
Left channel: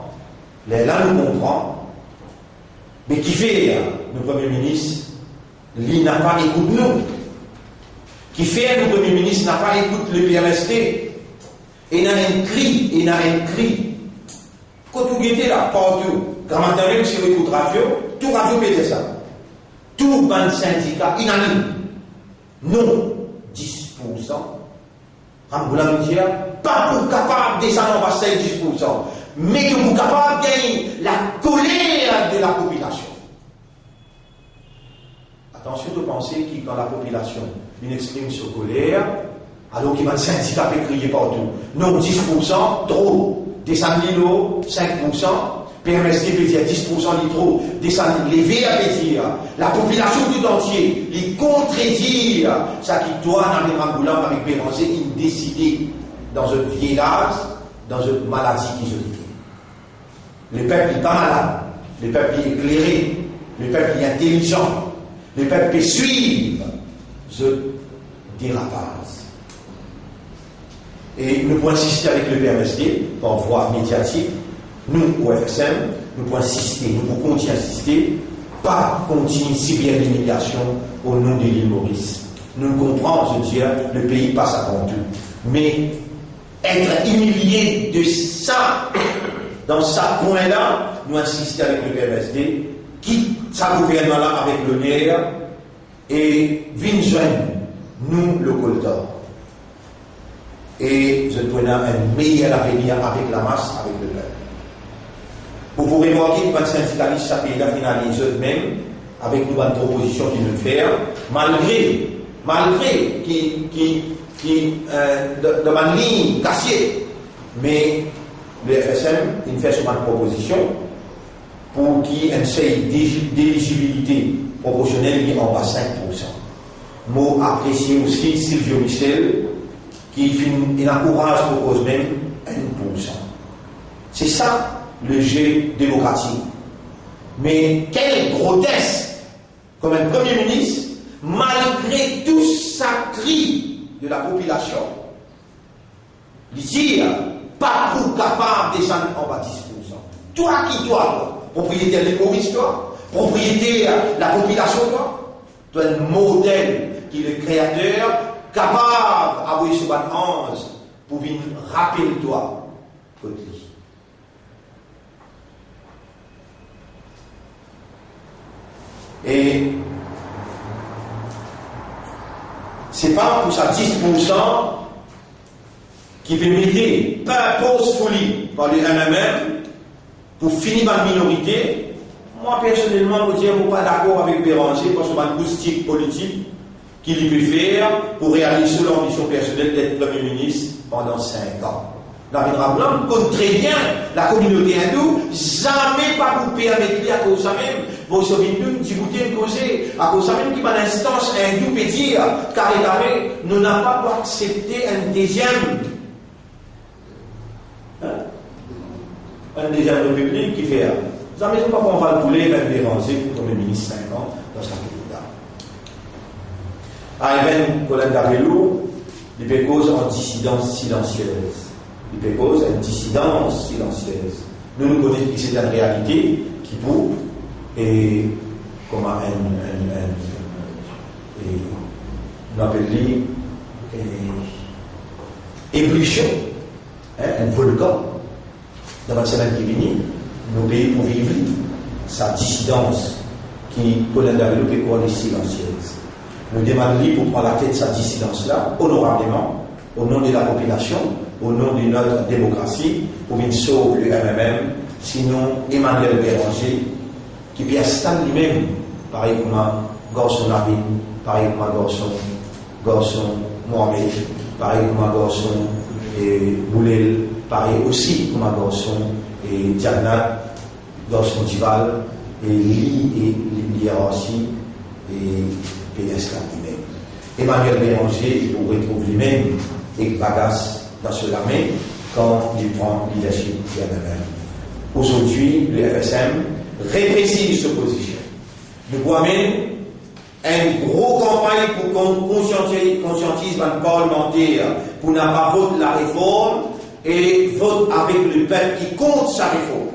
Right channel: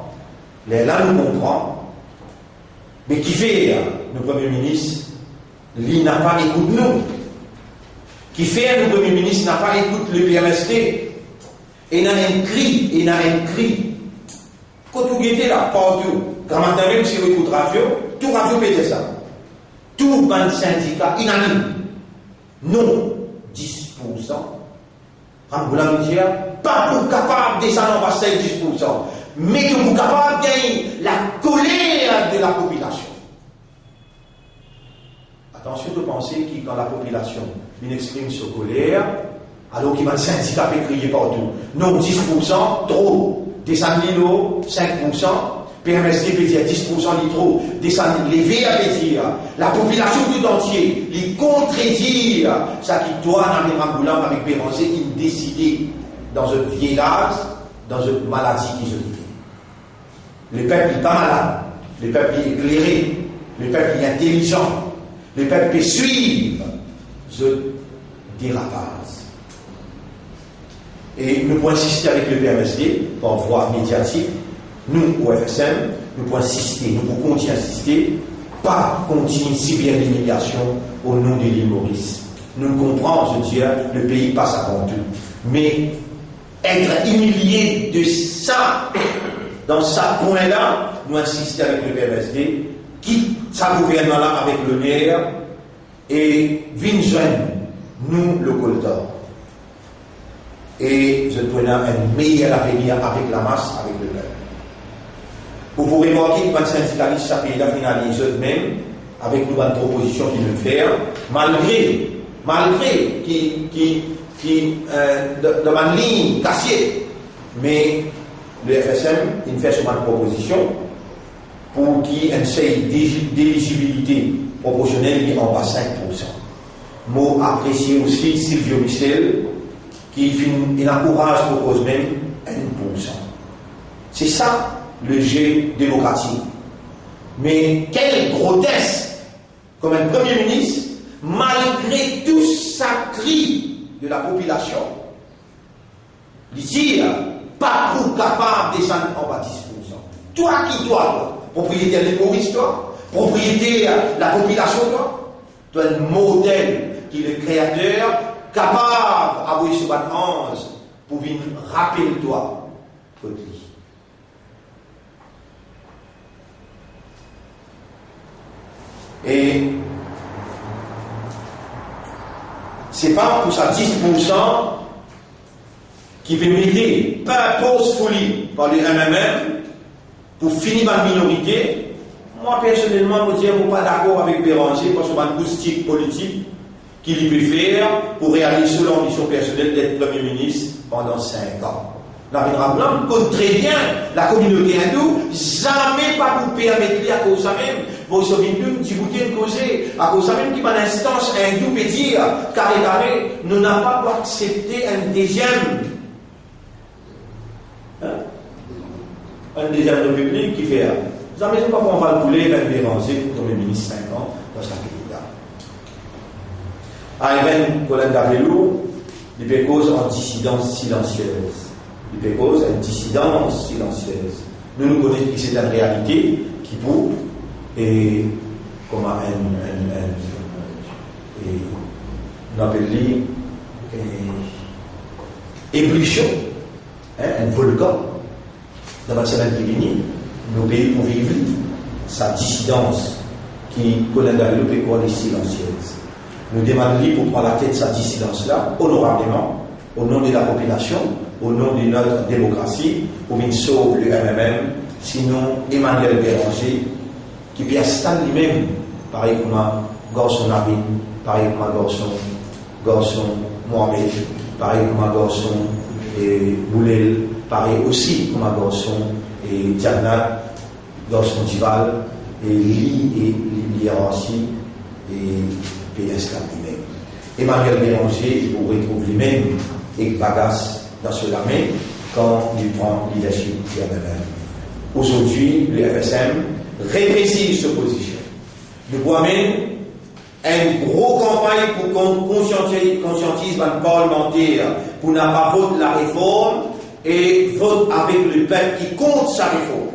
mais qui fait le Premier ministre, il n'a pas écouté nous. Qui fait le Premier ministre n'a pas écouté le PMSD. Et il a un cri. Quand vous étiez là, partout, quand maintenant même si vous écoutez radio, tout radio pète ça. Tout ban syndicat unanime. Non, 10%. Ramboulam dit, pas pour capable de descendre en bas 10%, mais que vous capable de gagner la colère de la population. Attention de penser que quand la population exprime sa colère, alors qu'il va le syndicat peut crier partout. Non, 10%, trop. Descendre l'îlot, 5%. PMSD peut dire 10% de trop. Descendre les VA peut dire. La population tout entière, les contredire. Ça qui doit dans les Ramboulam avec Béranger, ils décider dans un vieillage, dans une maladie qui se dit. Le peuple n'est pas malade. Le peuple est éclairé. Le peuple est intelligent. Le peuple peut suivre ce dérapage. Et nous pouvons insister avec le PMSD par voie médiatique. Nous, au FSM, nous pouvons insister, nous pouvons continuer à insister, pas continuer si bien l'humiliation au nom de l'île Maurice. Nous comprenons, je veux dire, le pays passe avant tout. Mais être humilié de ça, dans ce point-là, nous insister avec le PMSD, quitte sa gouvernement-là avec le nerf, et vin jeune, nous, le Coltor. Et je donne un meilleur avenir avec la masse, avec le peuple. Vous pourrez voir que les syndicalistes, ça pays finalise eux-mêmes, avec nous, une proposition qu'ils nous font, malgré qui de ma ligne cassée, mais le FSM, il fait souvent une proposition pour qu'il y ait une seuil d'éligibilité proportionnelle en bas 5%. Mot apprécié aussi Sylvio Michel, qui encourage pour cause même 1%. C'est ça le jeu démocratique. Mais quel grotesque, comme un Premier ministre, malgré tout ça cri de la population, il dit pas pour capable de descendre en bas 10%. Toi, propriétaire de Maurice, toi, propriétaire de la population, toi un modèle qui est le créateur, capable d'avoir ce ban ange pour venir rappeler toi côté. Et c'est pas pour ça 10% qui peut m'aider, pas pause folie par les MMM pour finir par la minorité. Moi personnellement, je ne suis pas d'accord avec Béranger parce que c'est une acoustique politique qu'il peut faire pour réaliser l'ambition personnelle d'être Premier ministre pendant 5 ans. Narendra Blanc connaît très bien la communauté hindoue, jamais pas vous permettre à cause de même, vous savez, nous, si vous dites causer, à cause de même, qui par l'instance hindoue peut dire, carré, nous n'avons pas accepté un deuxième république qui fait. Vous savez pas qu'on va le bouler, va le déranger comme le ministre 5 ans dans ce pays-là. Ayven Colin Davelou, il peut cause en dissidence silencieuse. Il peut cause une dissidence silencieuse. Nous connaissons que c'est une réalité qui pour, et comme on appelle ébullition, un volcan dans la semaine qui vient, nos pays pour vivre sa dissidence qui Colin Davelou peut cause silencieuse. Nous demandons pour prendre la tête de sa dissidence-là, honorablement, au nom de la population, au nom de notre démocratie, pour qu'il sauve le MMM, sinon Emmanuel Béranger, qui peut installer lui-même, pareil comme un garçon Nabil, pareil comme un garçon Mohamed, pareil comme un garçon Boulel, pareil aussi comme un garçon Diana, garçon Dival, et Liarachi, et PS lui-même. Emmanuel Béranger, il vous retrouve lui-même et bagasse dans ce main quand il prend leadership du MMM. Aujourd'hui, le FSM rétrécit cette position. Nous voyons même une grosse campagne pour conscientiser les parlementaires pour ne pas voter la réforme et vote avec le peuple qui compte sa réforme.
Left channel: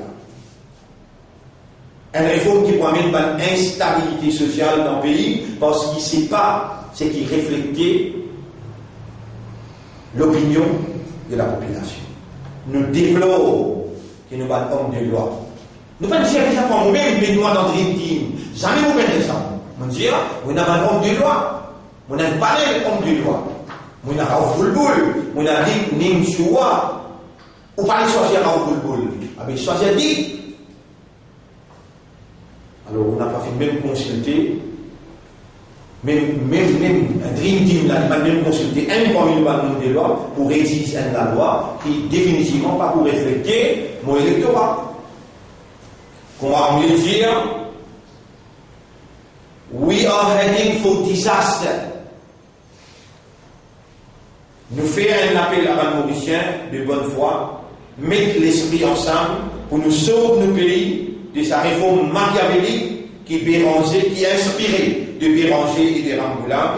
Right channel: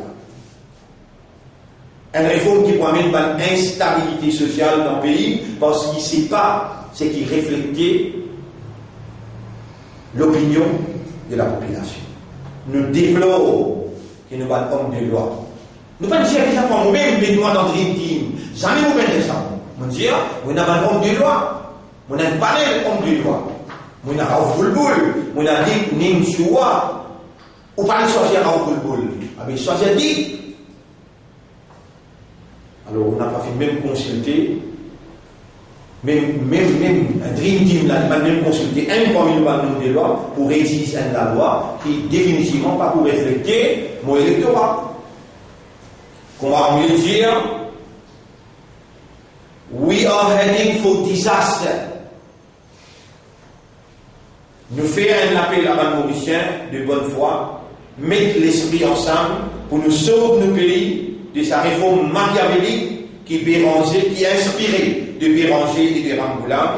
Une réforme qui pourrait mettre une instabilité sociale dans le pays parce qu'il ne sait pas ce qui reflétait l'opinion de la population. Nous déplorons que nous sommes hommes de loi. Nous ne pouvons pas dire que nous sommes même des lois dans Dream Team. Jamais nous prenons ça. Nous disons, nous sommes un homme de loi. Nous sommes un panel d'hommes de loi. Nous sommes un boulboul. Nous sommes dit, nous sommes ou pas choisir un boulboul. Mais choisir dit. Alors, on n'a pas fait même consulter, même un Dream Team, là, il m'a même consulté un parmi le parlement des lois pour rédiger la loi qui, définitivement, pas pour refléter mon électorat. Qu'on va mieux dire, we are heading for disaster. Nous faisons un appel à les Mauriciens de bonne foi, mettre l'esprit ensemble pour nous sauver nos pays de sa réforme machiavélique qui est inspirée de Béranger et de Ramboulin,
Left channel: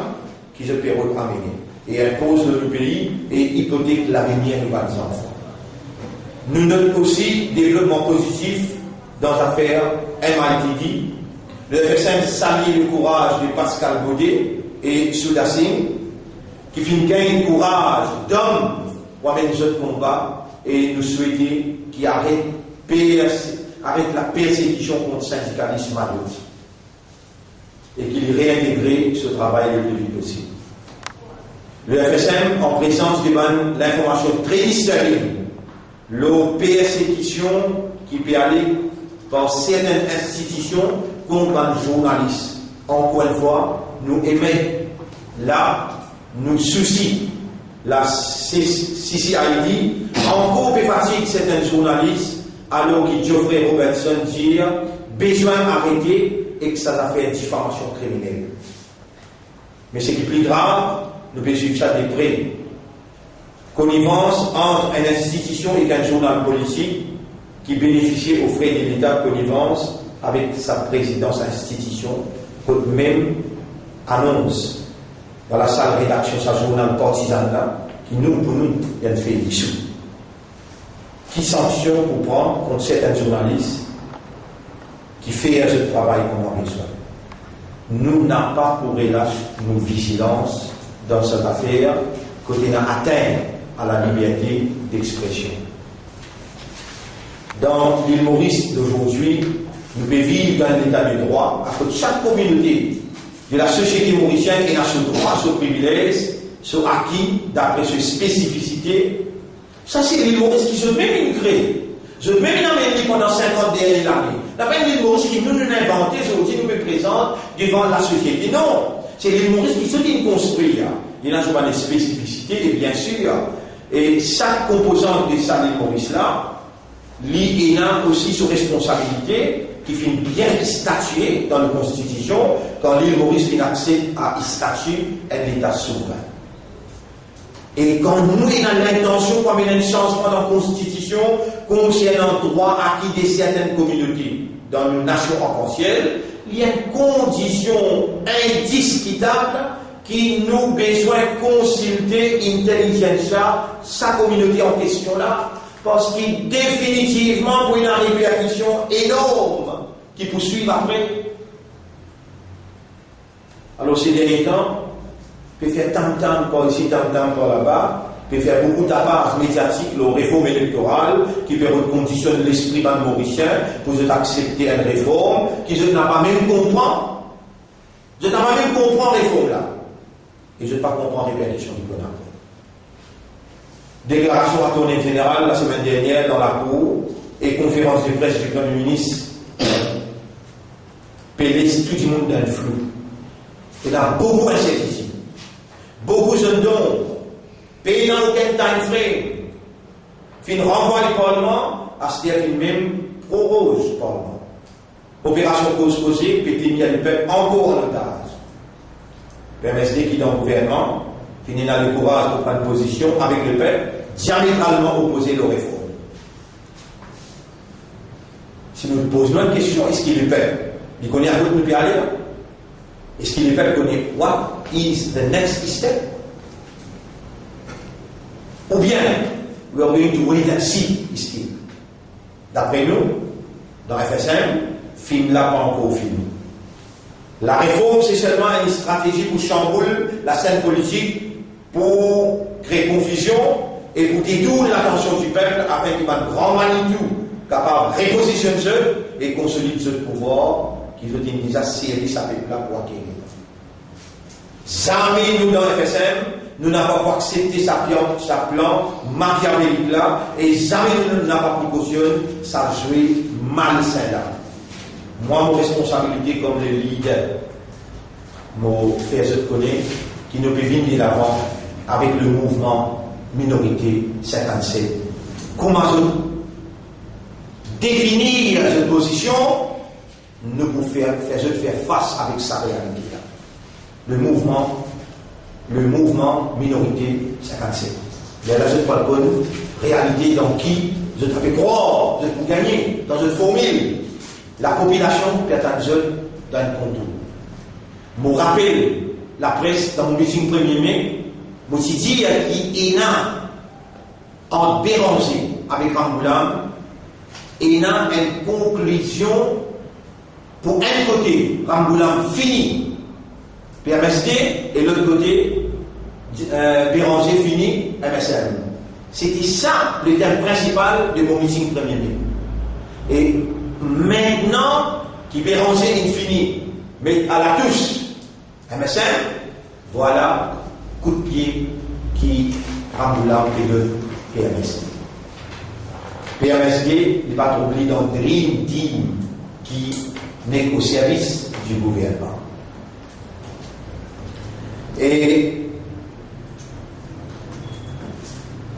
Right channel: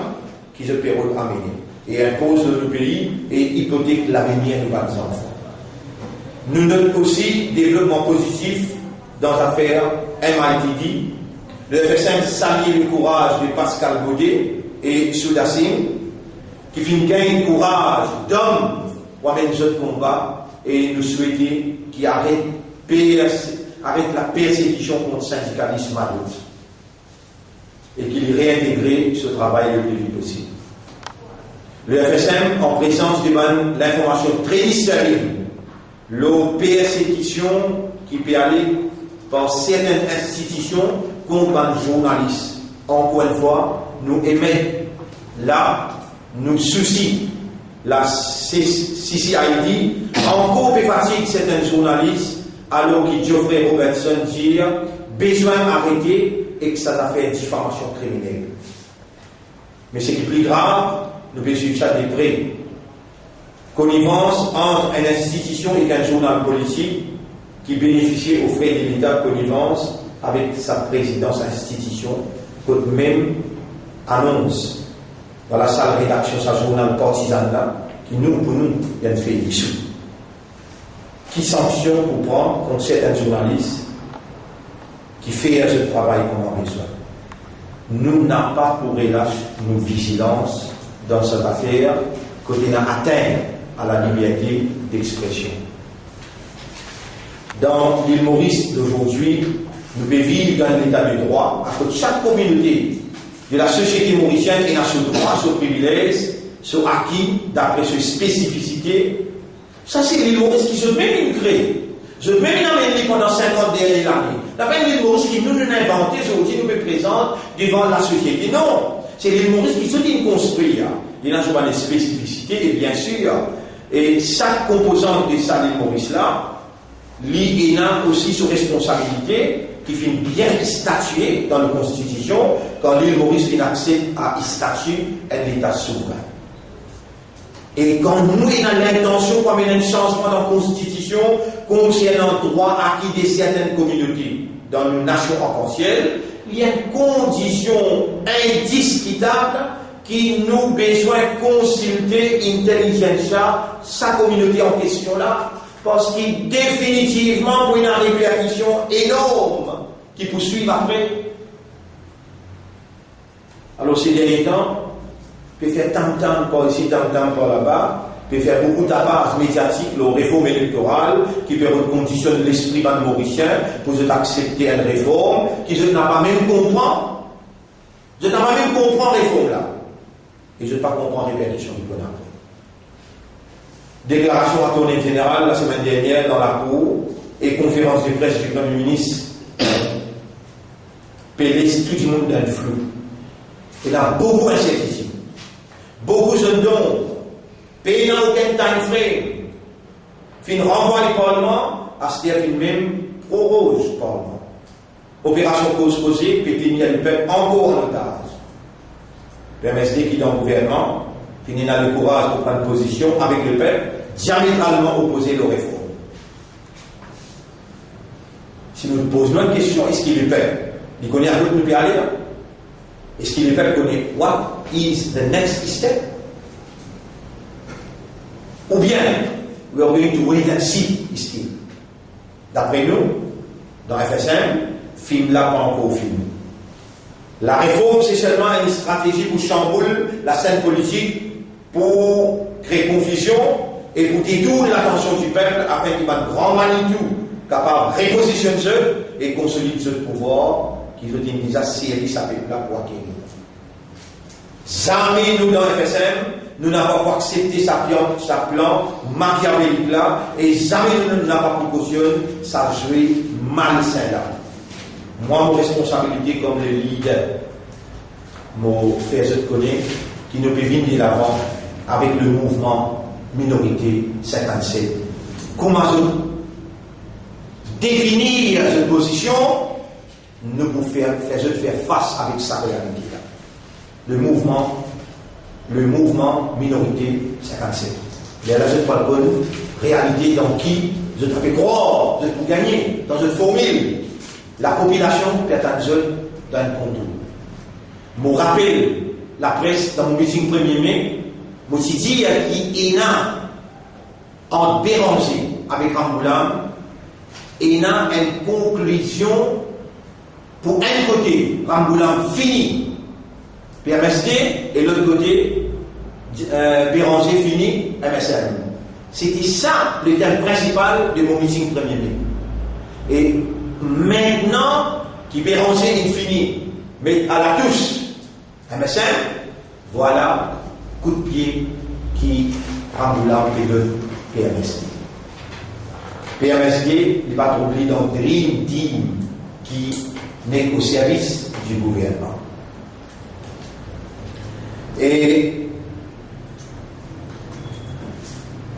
qui se peut amener et impose notre pays et hypothèque l'avenir de nos enfants. Nous notons aussi développement positif dans l'affaire MITD. Le FSM salue le courage de Pascal Baudet et Soudassine, qui finit gagner le courage d'hommes pour mener ce combat et nous souhaiter qu'ils arrêtent la persécution contre le syndicalisme à l'autre et qu'il réintègre ce travail le plus vite possible. Le FSM, en présence de l'information très sérieuse, la persécution qui peut aller par certaines institutions contre les journalistes. Encore une fois, nous émettons là, nous soucions la CCID, encore plus fatigue certains journalistes, alors que Geoffrey Robertson dit besoin d'arrêter et que ça a fait une diffamation criminelle. Mais ce qui est plus grave, nous pouvons suivre ça de près. Connivence entre une institution et un journal politique qui bénéficie aux frais de l'État, connivence avec sa présidence institution, que même annonce dans la salle de rédaction sa journal partisan là, qui pour nous, il y a une fait dissous. Qui sanction pour prendre contre certains journalistes qui fait ce travail qu'on a besoin. Nous n'avons pas pour relâcher nos vigilances dans cette affaire, côté n'a atteint à la liberté d'expression. Dans l'île Maurice d'aujourd'hui, nous pouvons vivre dans l'état de droit, à côté de chaque communauté de la société mauricienne qui a ce droit, ce privilège, ce acquis d'après ses spécificités. Ça, c'est l'île Maurice qui se met immigré. Je vais même amener pendant 50 dernières années. La peine l'île Maurice qui nous inventé, aujourd'hui nous présente devant la société. Non, c'est l'île Maurice qui se dit construire. Il y a des spécificités et bien sûr, Et chaque composante de ça, l'île Maurice là, l'île a aussi sous responsabilité, qui finit bien statuer dans la Constitution, quand l'île Maurice finit accès à statuer un État souverain. Et quand nous avons l'intention, comme il y a un changement dans la Constitution, concernant le droit acquis de certaines communautés dans une nation arc-en-ciel, il y a une condition indiscutable qui nous besoin de consulter intelligentsia sa communauté en question là, parce qu'il définitivement pour une répercussion énorme qui poursuit après. Alors ces derniers temps, peut faire tam-tam par ici, tam-tam par là-bas, peut faire beaucoup de tapage médiatique, la réforme électorale, qui peut reconditionner l'esprit mauricien pour accepter une réforme, qui je n'ai pas même comprendre. Je n'ai pas même comprendre la réforme là. Et je ne pas comprendre la répercussion du bonheur. Déclaration à tournée générale la semaine dernière dans la cour et conférence de presse du Premier ministre. Pélé tout le monde dans le flou. Il y a beaucoup d'incertitudes. Beaucoup de dons. Pays dans aucun time frame. Fin renvoi du Parlement, à ce qu'il même prorose le Parlement. Opération cause causée, puis il y a le peuple encore en otage. PMSD qui est dans le gouvernement, qui n'a le courage de prendre position avec le peuple, diamétralement opposé aux réformes. Si nous posons une question, est-ce qu'il est le peuple? Il connaît à quoi nous peut aller là? Est-ce qu'il est le peuple connaît what is the next step? Ou bien, we are going to wait and see, ici. D'après nous, dans FSM, film là pas encore film. La réforme, c'est seulement une stratégie pour chambouler la scène politique, pour créer confusion et pour détourner l'attention du peuple afin qu'il y ait un grand Manitou capable de repositionner ceux et consolider ce pouvoir qui veut dire déjà série sa peuple là pour acquérir. Jamais nous dans FSM, nous n'avons pas accepté sa plan machiavélique là et jamais nous n'avons pas précautionné sa jouer malsain là. Moi, mon responsabilité comme le leader, mon frère, je te connais, qui ne peut venir de l'avant avec le mouvement Minorité 57. Comment définir cette position, nous pouvons faire face avec sa réalité. Le mouvement Minorité 57. Il y a là, je parle de réalité dans qui je te fais croire, je peux gagner, dans une formule. La population peut être dans un contour. Je me rappelle la presse dans mon meeting 1er mai, je me suis dit qu'il y a en Béranger avec Rambouillet, il y a une conclusion pour un côté, Rambouillet fini, PMSD, et l'autre côté, Béranger fini, MSM. C'était ça le thème principal de mon meeting 1er mai. Et maintenant, qui Béranger infini, mais à la touche, MSM, voilà, coup de pied qui Rambouillet et le PMSD. PMSD, il va trouver dans Dream Team qui n'est qu'au service du gouvernement. Et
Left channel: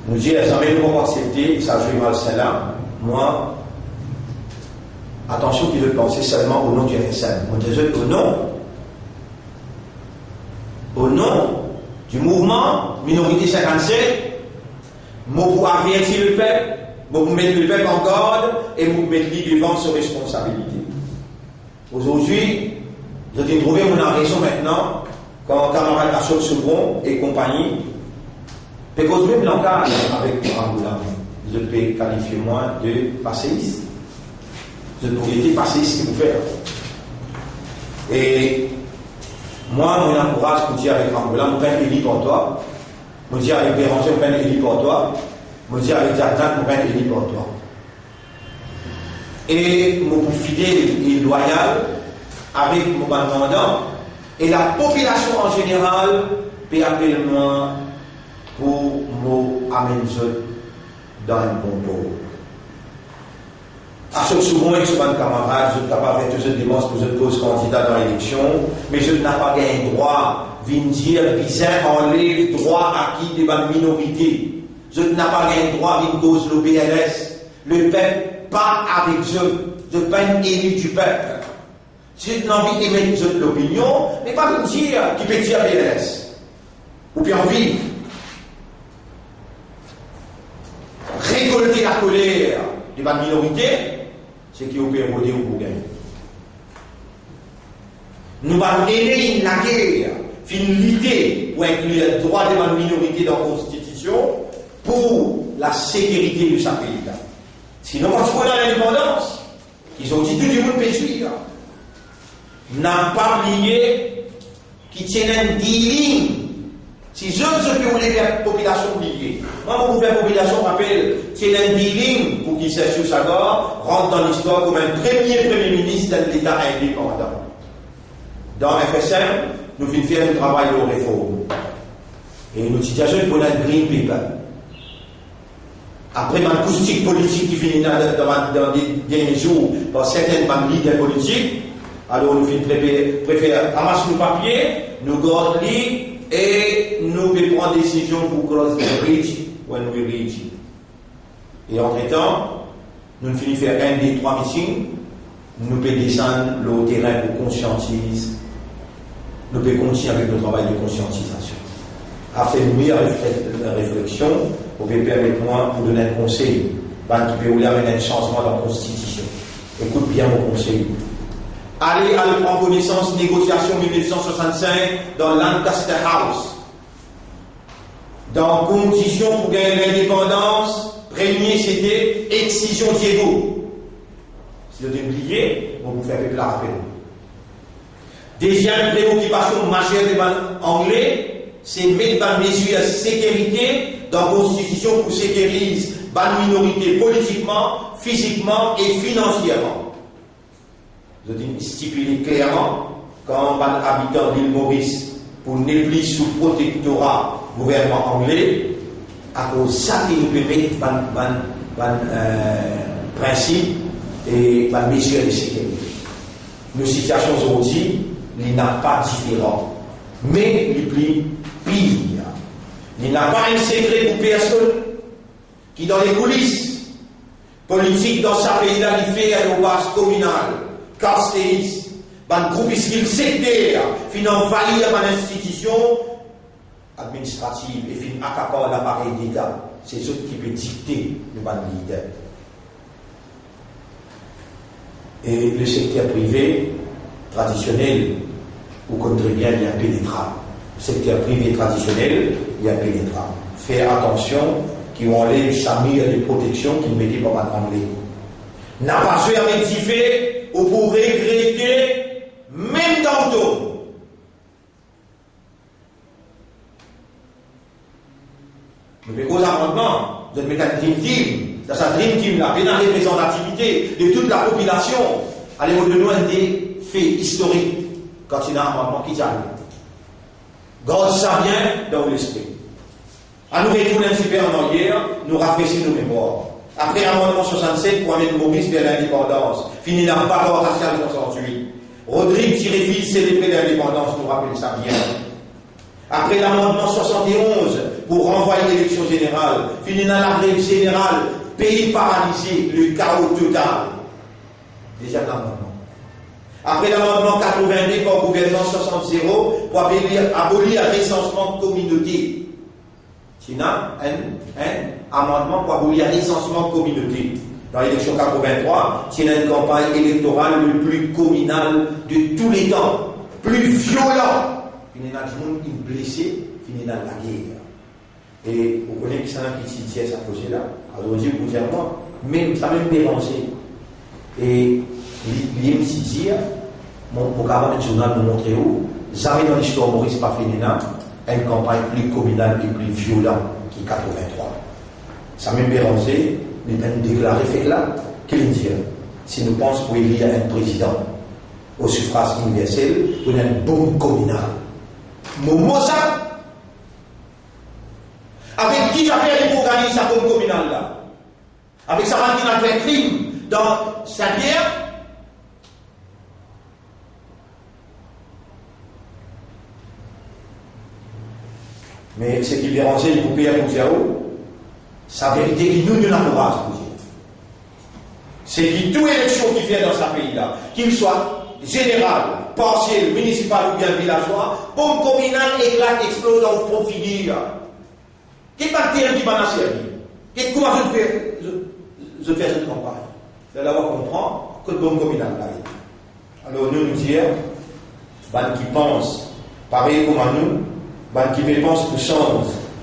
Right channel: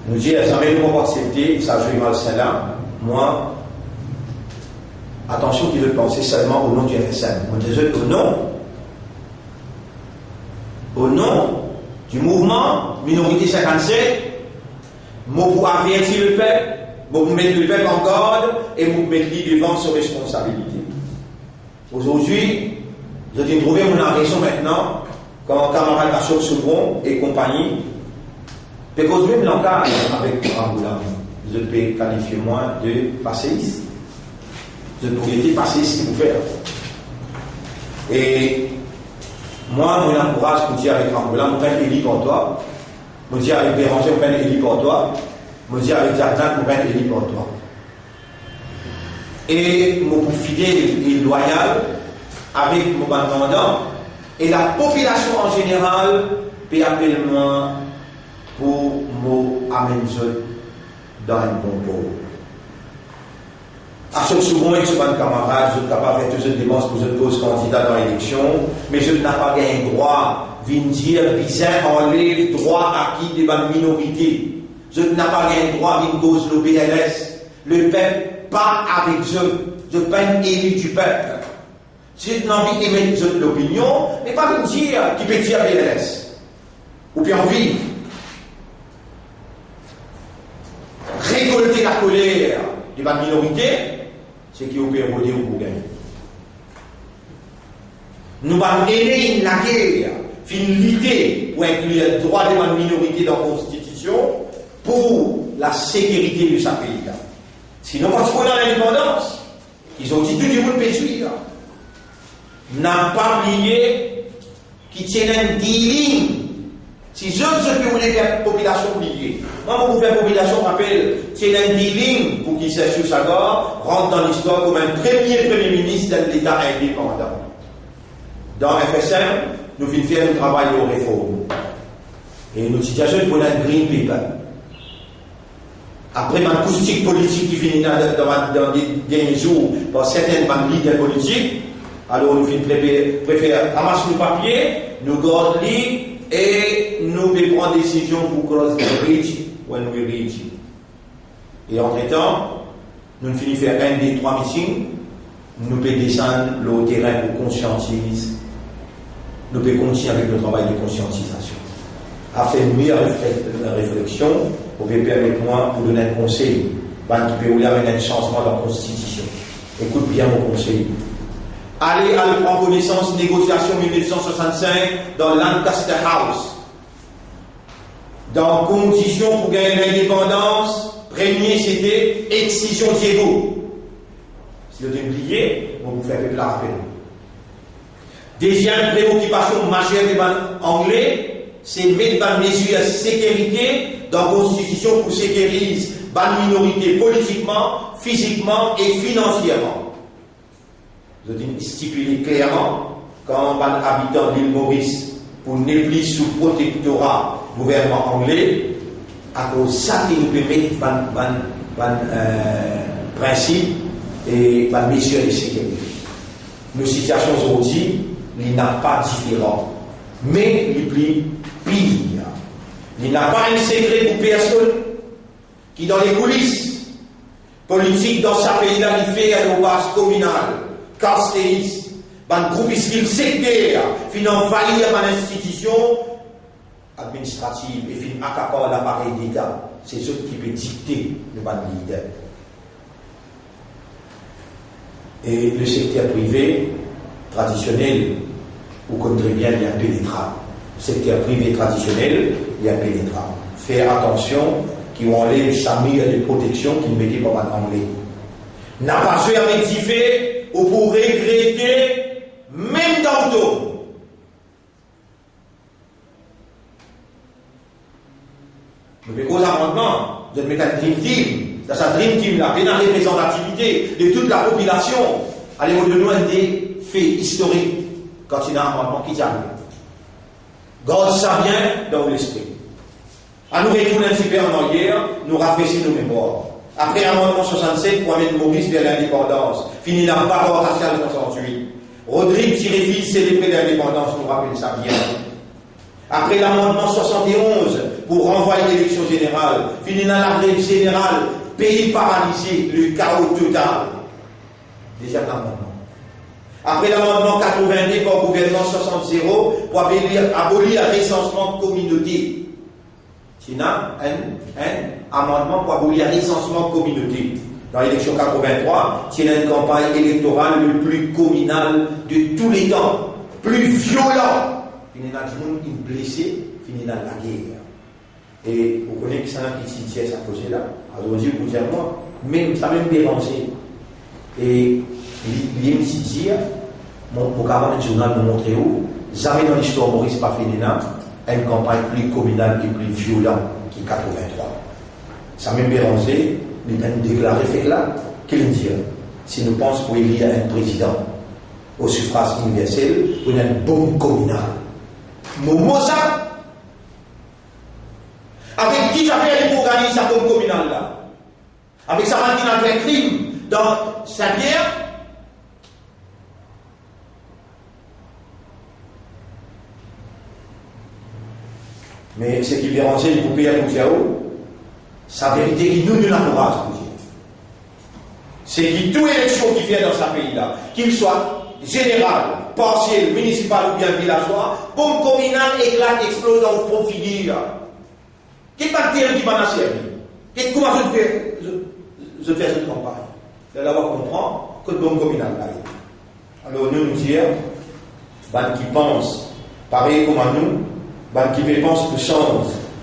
nous disons, jamais nous pas accepter, ça joue mal celle-là. Moi, attention qu'il veut penser seulement au nom du FSM. On dit au nom du mouvement Minorité 57, moi pour avertir le peuple, moi pour mettre le peuple en garde et pour mettre lui devant ses responsabilités. Aujourd'hui, je viens de trouver mon raison maintenant, quand camarade Achok Soubron et compagnie, parce que même l'engage avec Rambouillet, je peux qualifier moi de passéiste. Je pourrais être passéiste pour faire. Et moi, mon encourage pour dire avec Rambouillet, je prends Élie pour toi. Je dis avec Béranger, je prends Élie pour toi. Je dis avec Jardin, je prends Élie pour toi. Et mon fidèle et loyal avec mon mandant et la population en général peut appeler moi pour m'amener dans un bon pot. À ce souvent, avec ce camarade, je ne peux pas faire toutes les démarches pour je pose candidat dans l'élection, mais je n'ai pas gagné droit de dire bizarre enlève droit acquis des minorités. je n'ai pas un droit à une cause le PLS. Le peuple, pas avec eux. Je ne suis pas une élu du peuple. Si j'ai envie d'émettre l'opinion, mais pas me dire qui peut dire PLS. Ou bien envie. Récolter la colère de ma minorité, c'est qui peut voter ou pour gagner. Nous allons aider la guerre, finalité pour inclure le droit de ma minorité dans la Constitution pour la sécurité de sa pays. Sinon, parce qu'on a l'indépendance, ils ont dit tout le monde peut suivre. N'a pas oublié qu'ils tiennent un dealing. Si je peux vous faire la population oublier, moi, pour faire la population, rappelle, tiennent un dealing pour qu'ils s'assure sur sa gorge, rentre dans l'histoire comme un premier ministre de l'État indépendant. Dans FSM, nous venons faire un travail de réforme. Et notre situation est pour un green paper. Après ma acoustique politique qui finit dans les derniers jours par certaines leaders politiques, alors nous préférons ramasser nos papiers, nous gardons et nous prendre des décisions pour cross the bridge when we reach. Et entre-temps, nous finissons faire un des 3 meetings, nous pouvons descendre le terrain pour conscientiser, nous pouvons continuer avec le travail de conscientisation. Après une meilleure réflexion, vous pouvez permettre-moi de vous donner un conseil qui peut vous amener un changement dans la Constitution. Écoute bien mon conseil. Allez à prendre connaissance négociation 1965 dans Lancaster House. Dans condition pour gagner l'indépendance, premier c'était excision Diego. Si vous avez oublié, on vous fait de la rappel. Deuxième préoccupation majeure des Anglais, c'est mettre des mesures de sécurité dans la Constitution pour sécuriser les minorités politiquement, physiquement et financièrement. Je dis stipuler clairement quand les habitants de l'île Maurice pour ne plus sous protectorat gouvernement anglais, à cause de ça qu'ils nous permettent principe et les mesures de sécurité. Nos situations aujourd'hui, il n'y a pas différent, mais il plus pire. Il n'y a pas un secret pour personne qui, dans les coulisses politiques dans sa pays-là, il fait à nos bases communales, carstéistes, un groupe sectaire, qui envahit une institution administrative et qui accapare l'appareil d'État. C'est ce qui peut dicter le leader. Et le secteur privé traditionnel, vous connaissez bien, il y a pénétrable. Secteur privé traditionnel, il y a pénétrable. Faire attention qui enlève sa mire de protection qui ne mettait pas mal anglais. N'a pas fait rectifier ou pour regretter, même dans le dos. Mais cause amendement, vous mettez un Dream Team. Dans sa Dream Team, la pleine représentativité de toute la population. Allez, vous donnez des faits historiques quand il y a un amendement qui arrive. Garde ça bien dans l'esprit. À nous retourner un super en arrière, nous rafraîchir nos mémoires. Après l'amendement 67, pour amener Maurice vers l'indépendance, fini la bagarre raciale de 68. Rodrigue Tiré-Fils célébrer l'indépendance, nous rappelle ça bien. Après l'amendement 71, pour renvoyer l'élection générale, fini dans la grève générale, pays paralysé, le chaos total. Déjà l'amendement. Après l'amendement 82 par gouvernement 60-0 pour abolir le recensement de communauté. Il y a un amendement pour abolir le recensement de communauté. Dans l'élection 83, c'est une campagne électorale le plus communale de tous les temps, plus violent. Il y a des gens qui sont blessés, il y a la guerre. Et vous connaissez que c'est un petit tiers à poser là. Alors vous dites, vous dites moi, mais ça m'a même dérangé. Et il me dit, mon camarade journal nous montre où, jamais dans l'histoire Maurice pas fait une campagne plus communale et plus violente qui 83. Ça m'a même dérangé, mais nous déclaré fait là, qu'il dit, si nous pensons pour élire un président au suffrage universel, pour une bombe communale. Mon mot ça, avec qui ça fait pour gagner sa bombe communale là? Avec sa qui a fait un crime dans sa bière? Mais ce qui dérangeait, il coupait à Mouziao, sa vérité qui nous n'a pas. C'est que toute élection qui vient dans ce pays-là, qu'il soit général, partiel, municipal ou bien villageois, bombe communale éclate, explose dans le profil. Qu'est-ce que qui m'a servi? Comment je fais cette campagne? C'est là où on comprend que le bombe communale là. Alors nous disons, qui pensent, pareil comme à nous, qui pensent que sans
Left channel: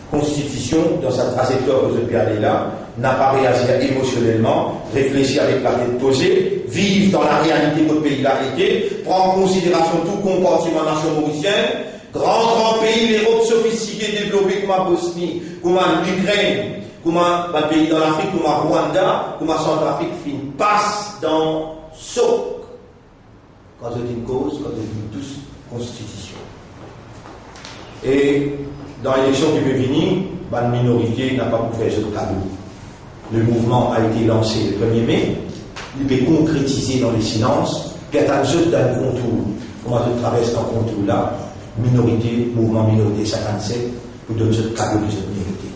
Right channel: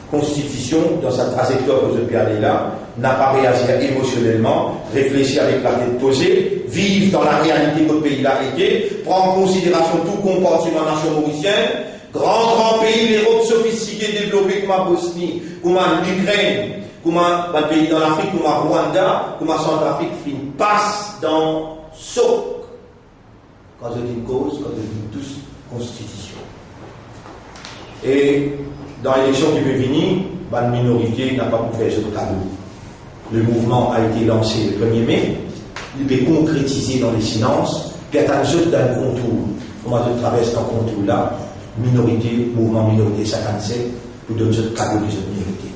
constitution, dans sa trajectoire que je peux aller là, n'a pas réagi émotionnellement, réfléchir avec la tête posée, vivre dans la réalité que le pays a été, prendre en considération tout comportement nation mauricienne, grand pays, l'Europe sophistiquée, développée comme la Bosnie, comme l'Ukraine, comme un pays dans l'Afrique, comme le Rwanda, comme la Centrafrique, passe dans saut. Quand je dis cause, quand je dis tous constitution. Et dans l'élection qui peut venir, la minorité n'a pas pu faire ce cadeau. Le mouvement a été lancé le 1er mai, il peut concrétiser dans les silences, puis attendre dans le contour. Comment je traverse dans le contour là, minorité, mouvement minorité 57, pour donner ce cadeau de cette minorité.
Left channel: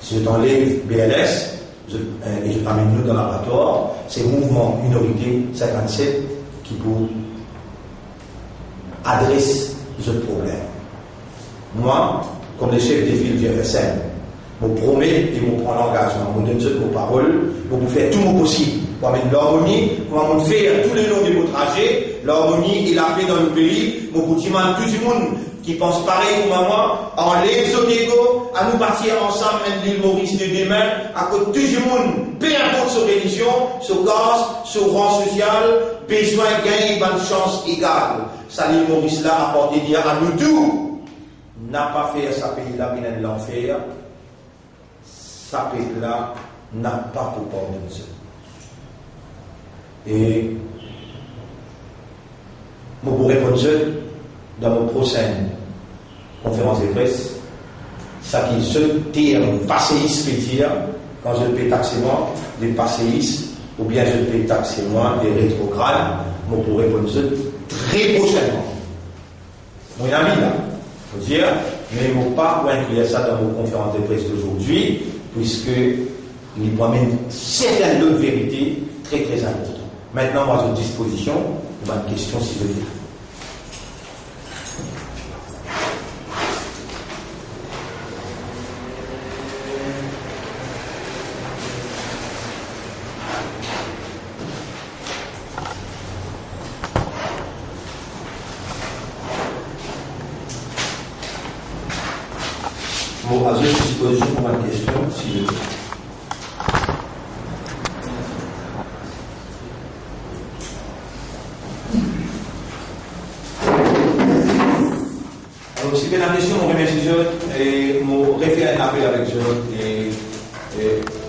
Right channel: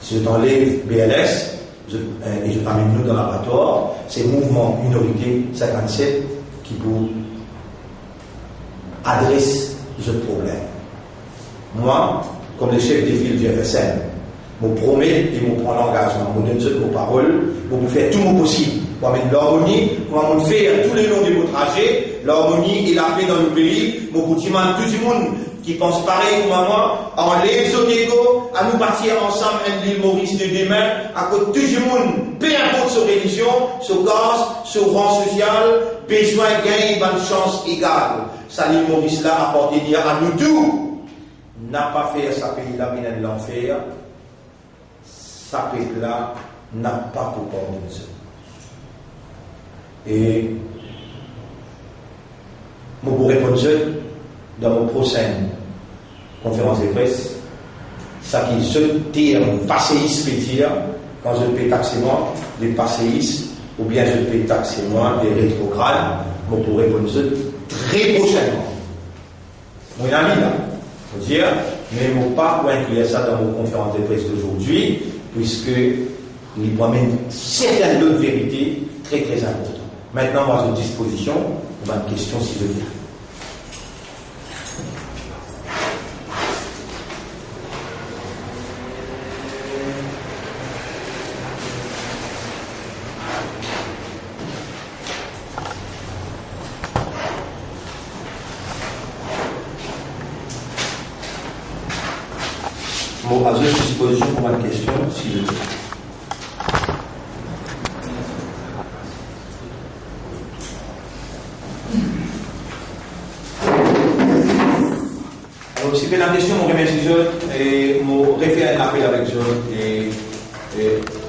Si je t'enlève BLS, et je t'amène nous dans l'abattoir, c'est mouvement minorité 57 qui vous adresse ce problème. Moi, comme le chef des files du FSM, je me promets et je prends l'engagement, je donne toutes mes paroles, pour faire tout mon possible, pour mettre l'harmonie, pour faire tous les longs de mon trajet, l'harmonie et la paix dans le pays, pour dire à tout le monde qui pense pareil comme moi, enlève son ego, à nous partir ensemble à l'île Maurice de demain, à côté tout le monde, peu importe sa religion, son caste, son rang social, besoin de gagner une chance égale. Ça l'île Maurice là apporté dire à nous tous, n'a pas fait sa pays là, mais l'enfer. Sa pays-là n'a pas pour pardonner ça. Et je vous répondre dans mon prochaine conférence de presse, ça qui se terme passéiste peut dire, quand je peux taxer moi, des passéistes, ou bien je peux taxer moi, des rétrogrades, je pourrais répondre très prochainement. Mon ami là, je veux dire, mais je ne vais pas inclure ça dans mon conférence de presse d'aujourd'hui, puisque il promène certaines d'autres vérités très très importantes. Maintenant, moi, j'ai à disposition pour une question si vous voulez. Bon, à votre disposition pour une question si vous voulez. Alors, si vous avez la question, je remercie et je réfère un appel avec eux et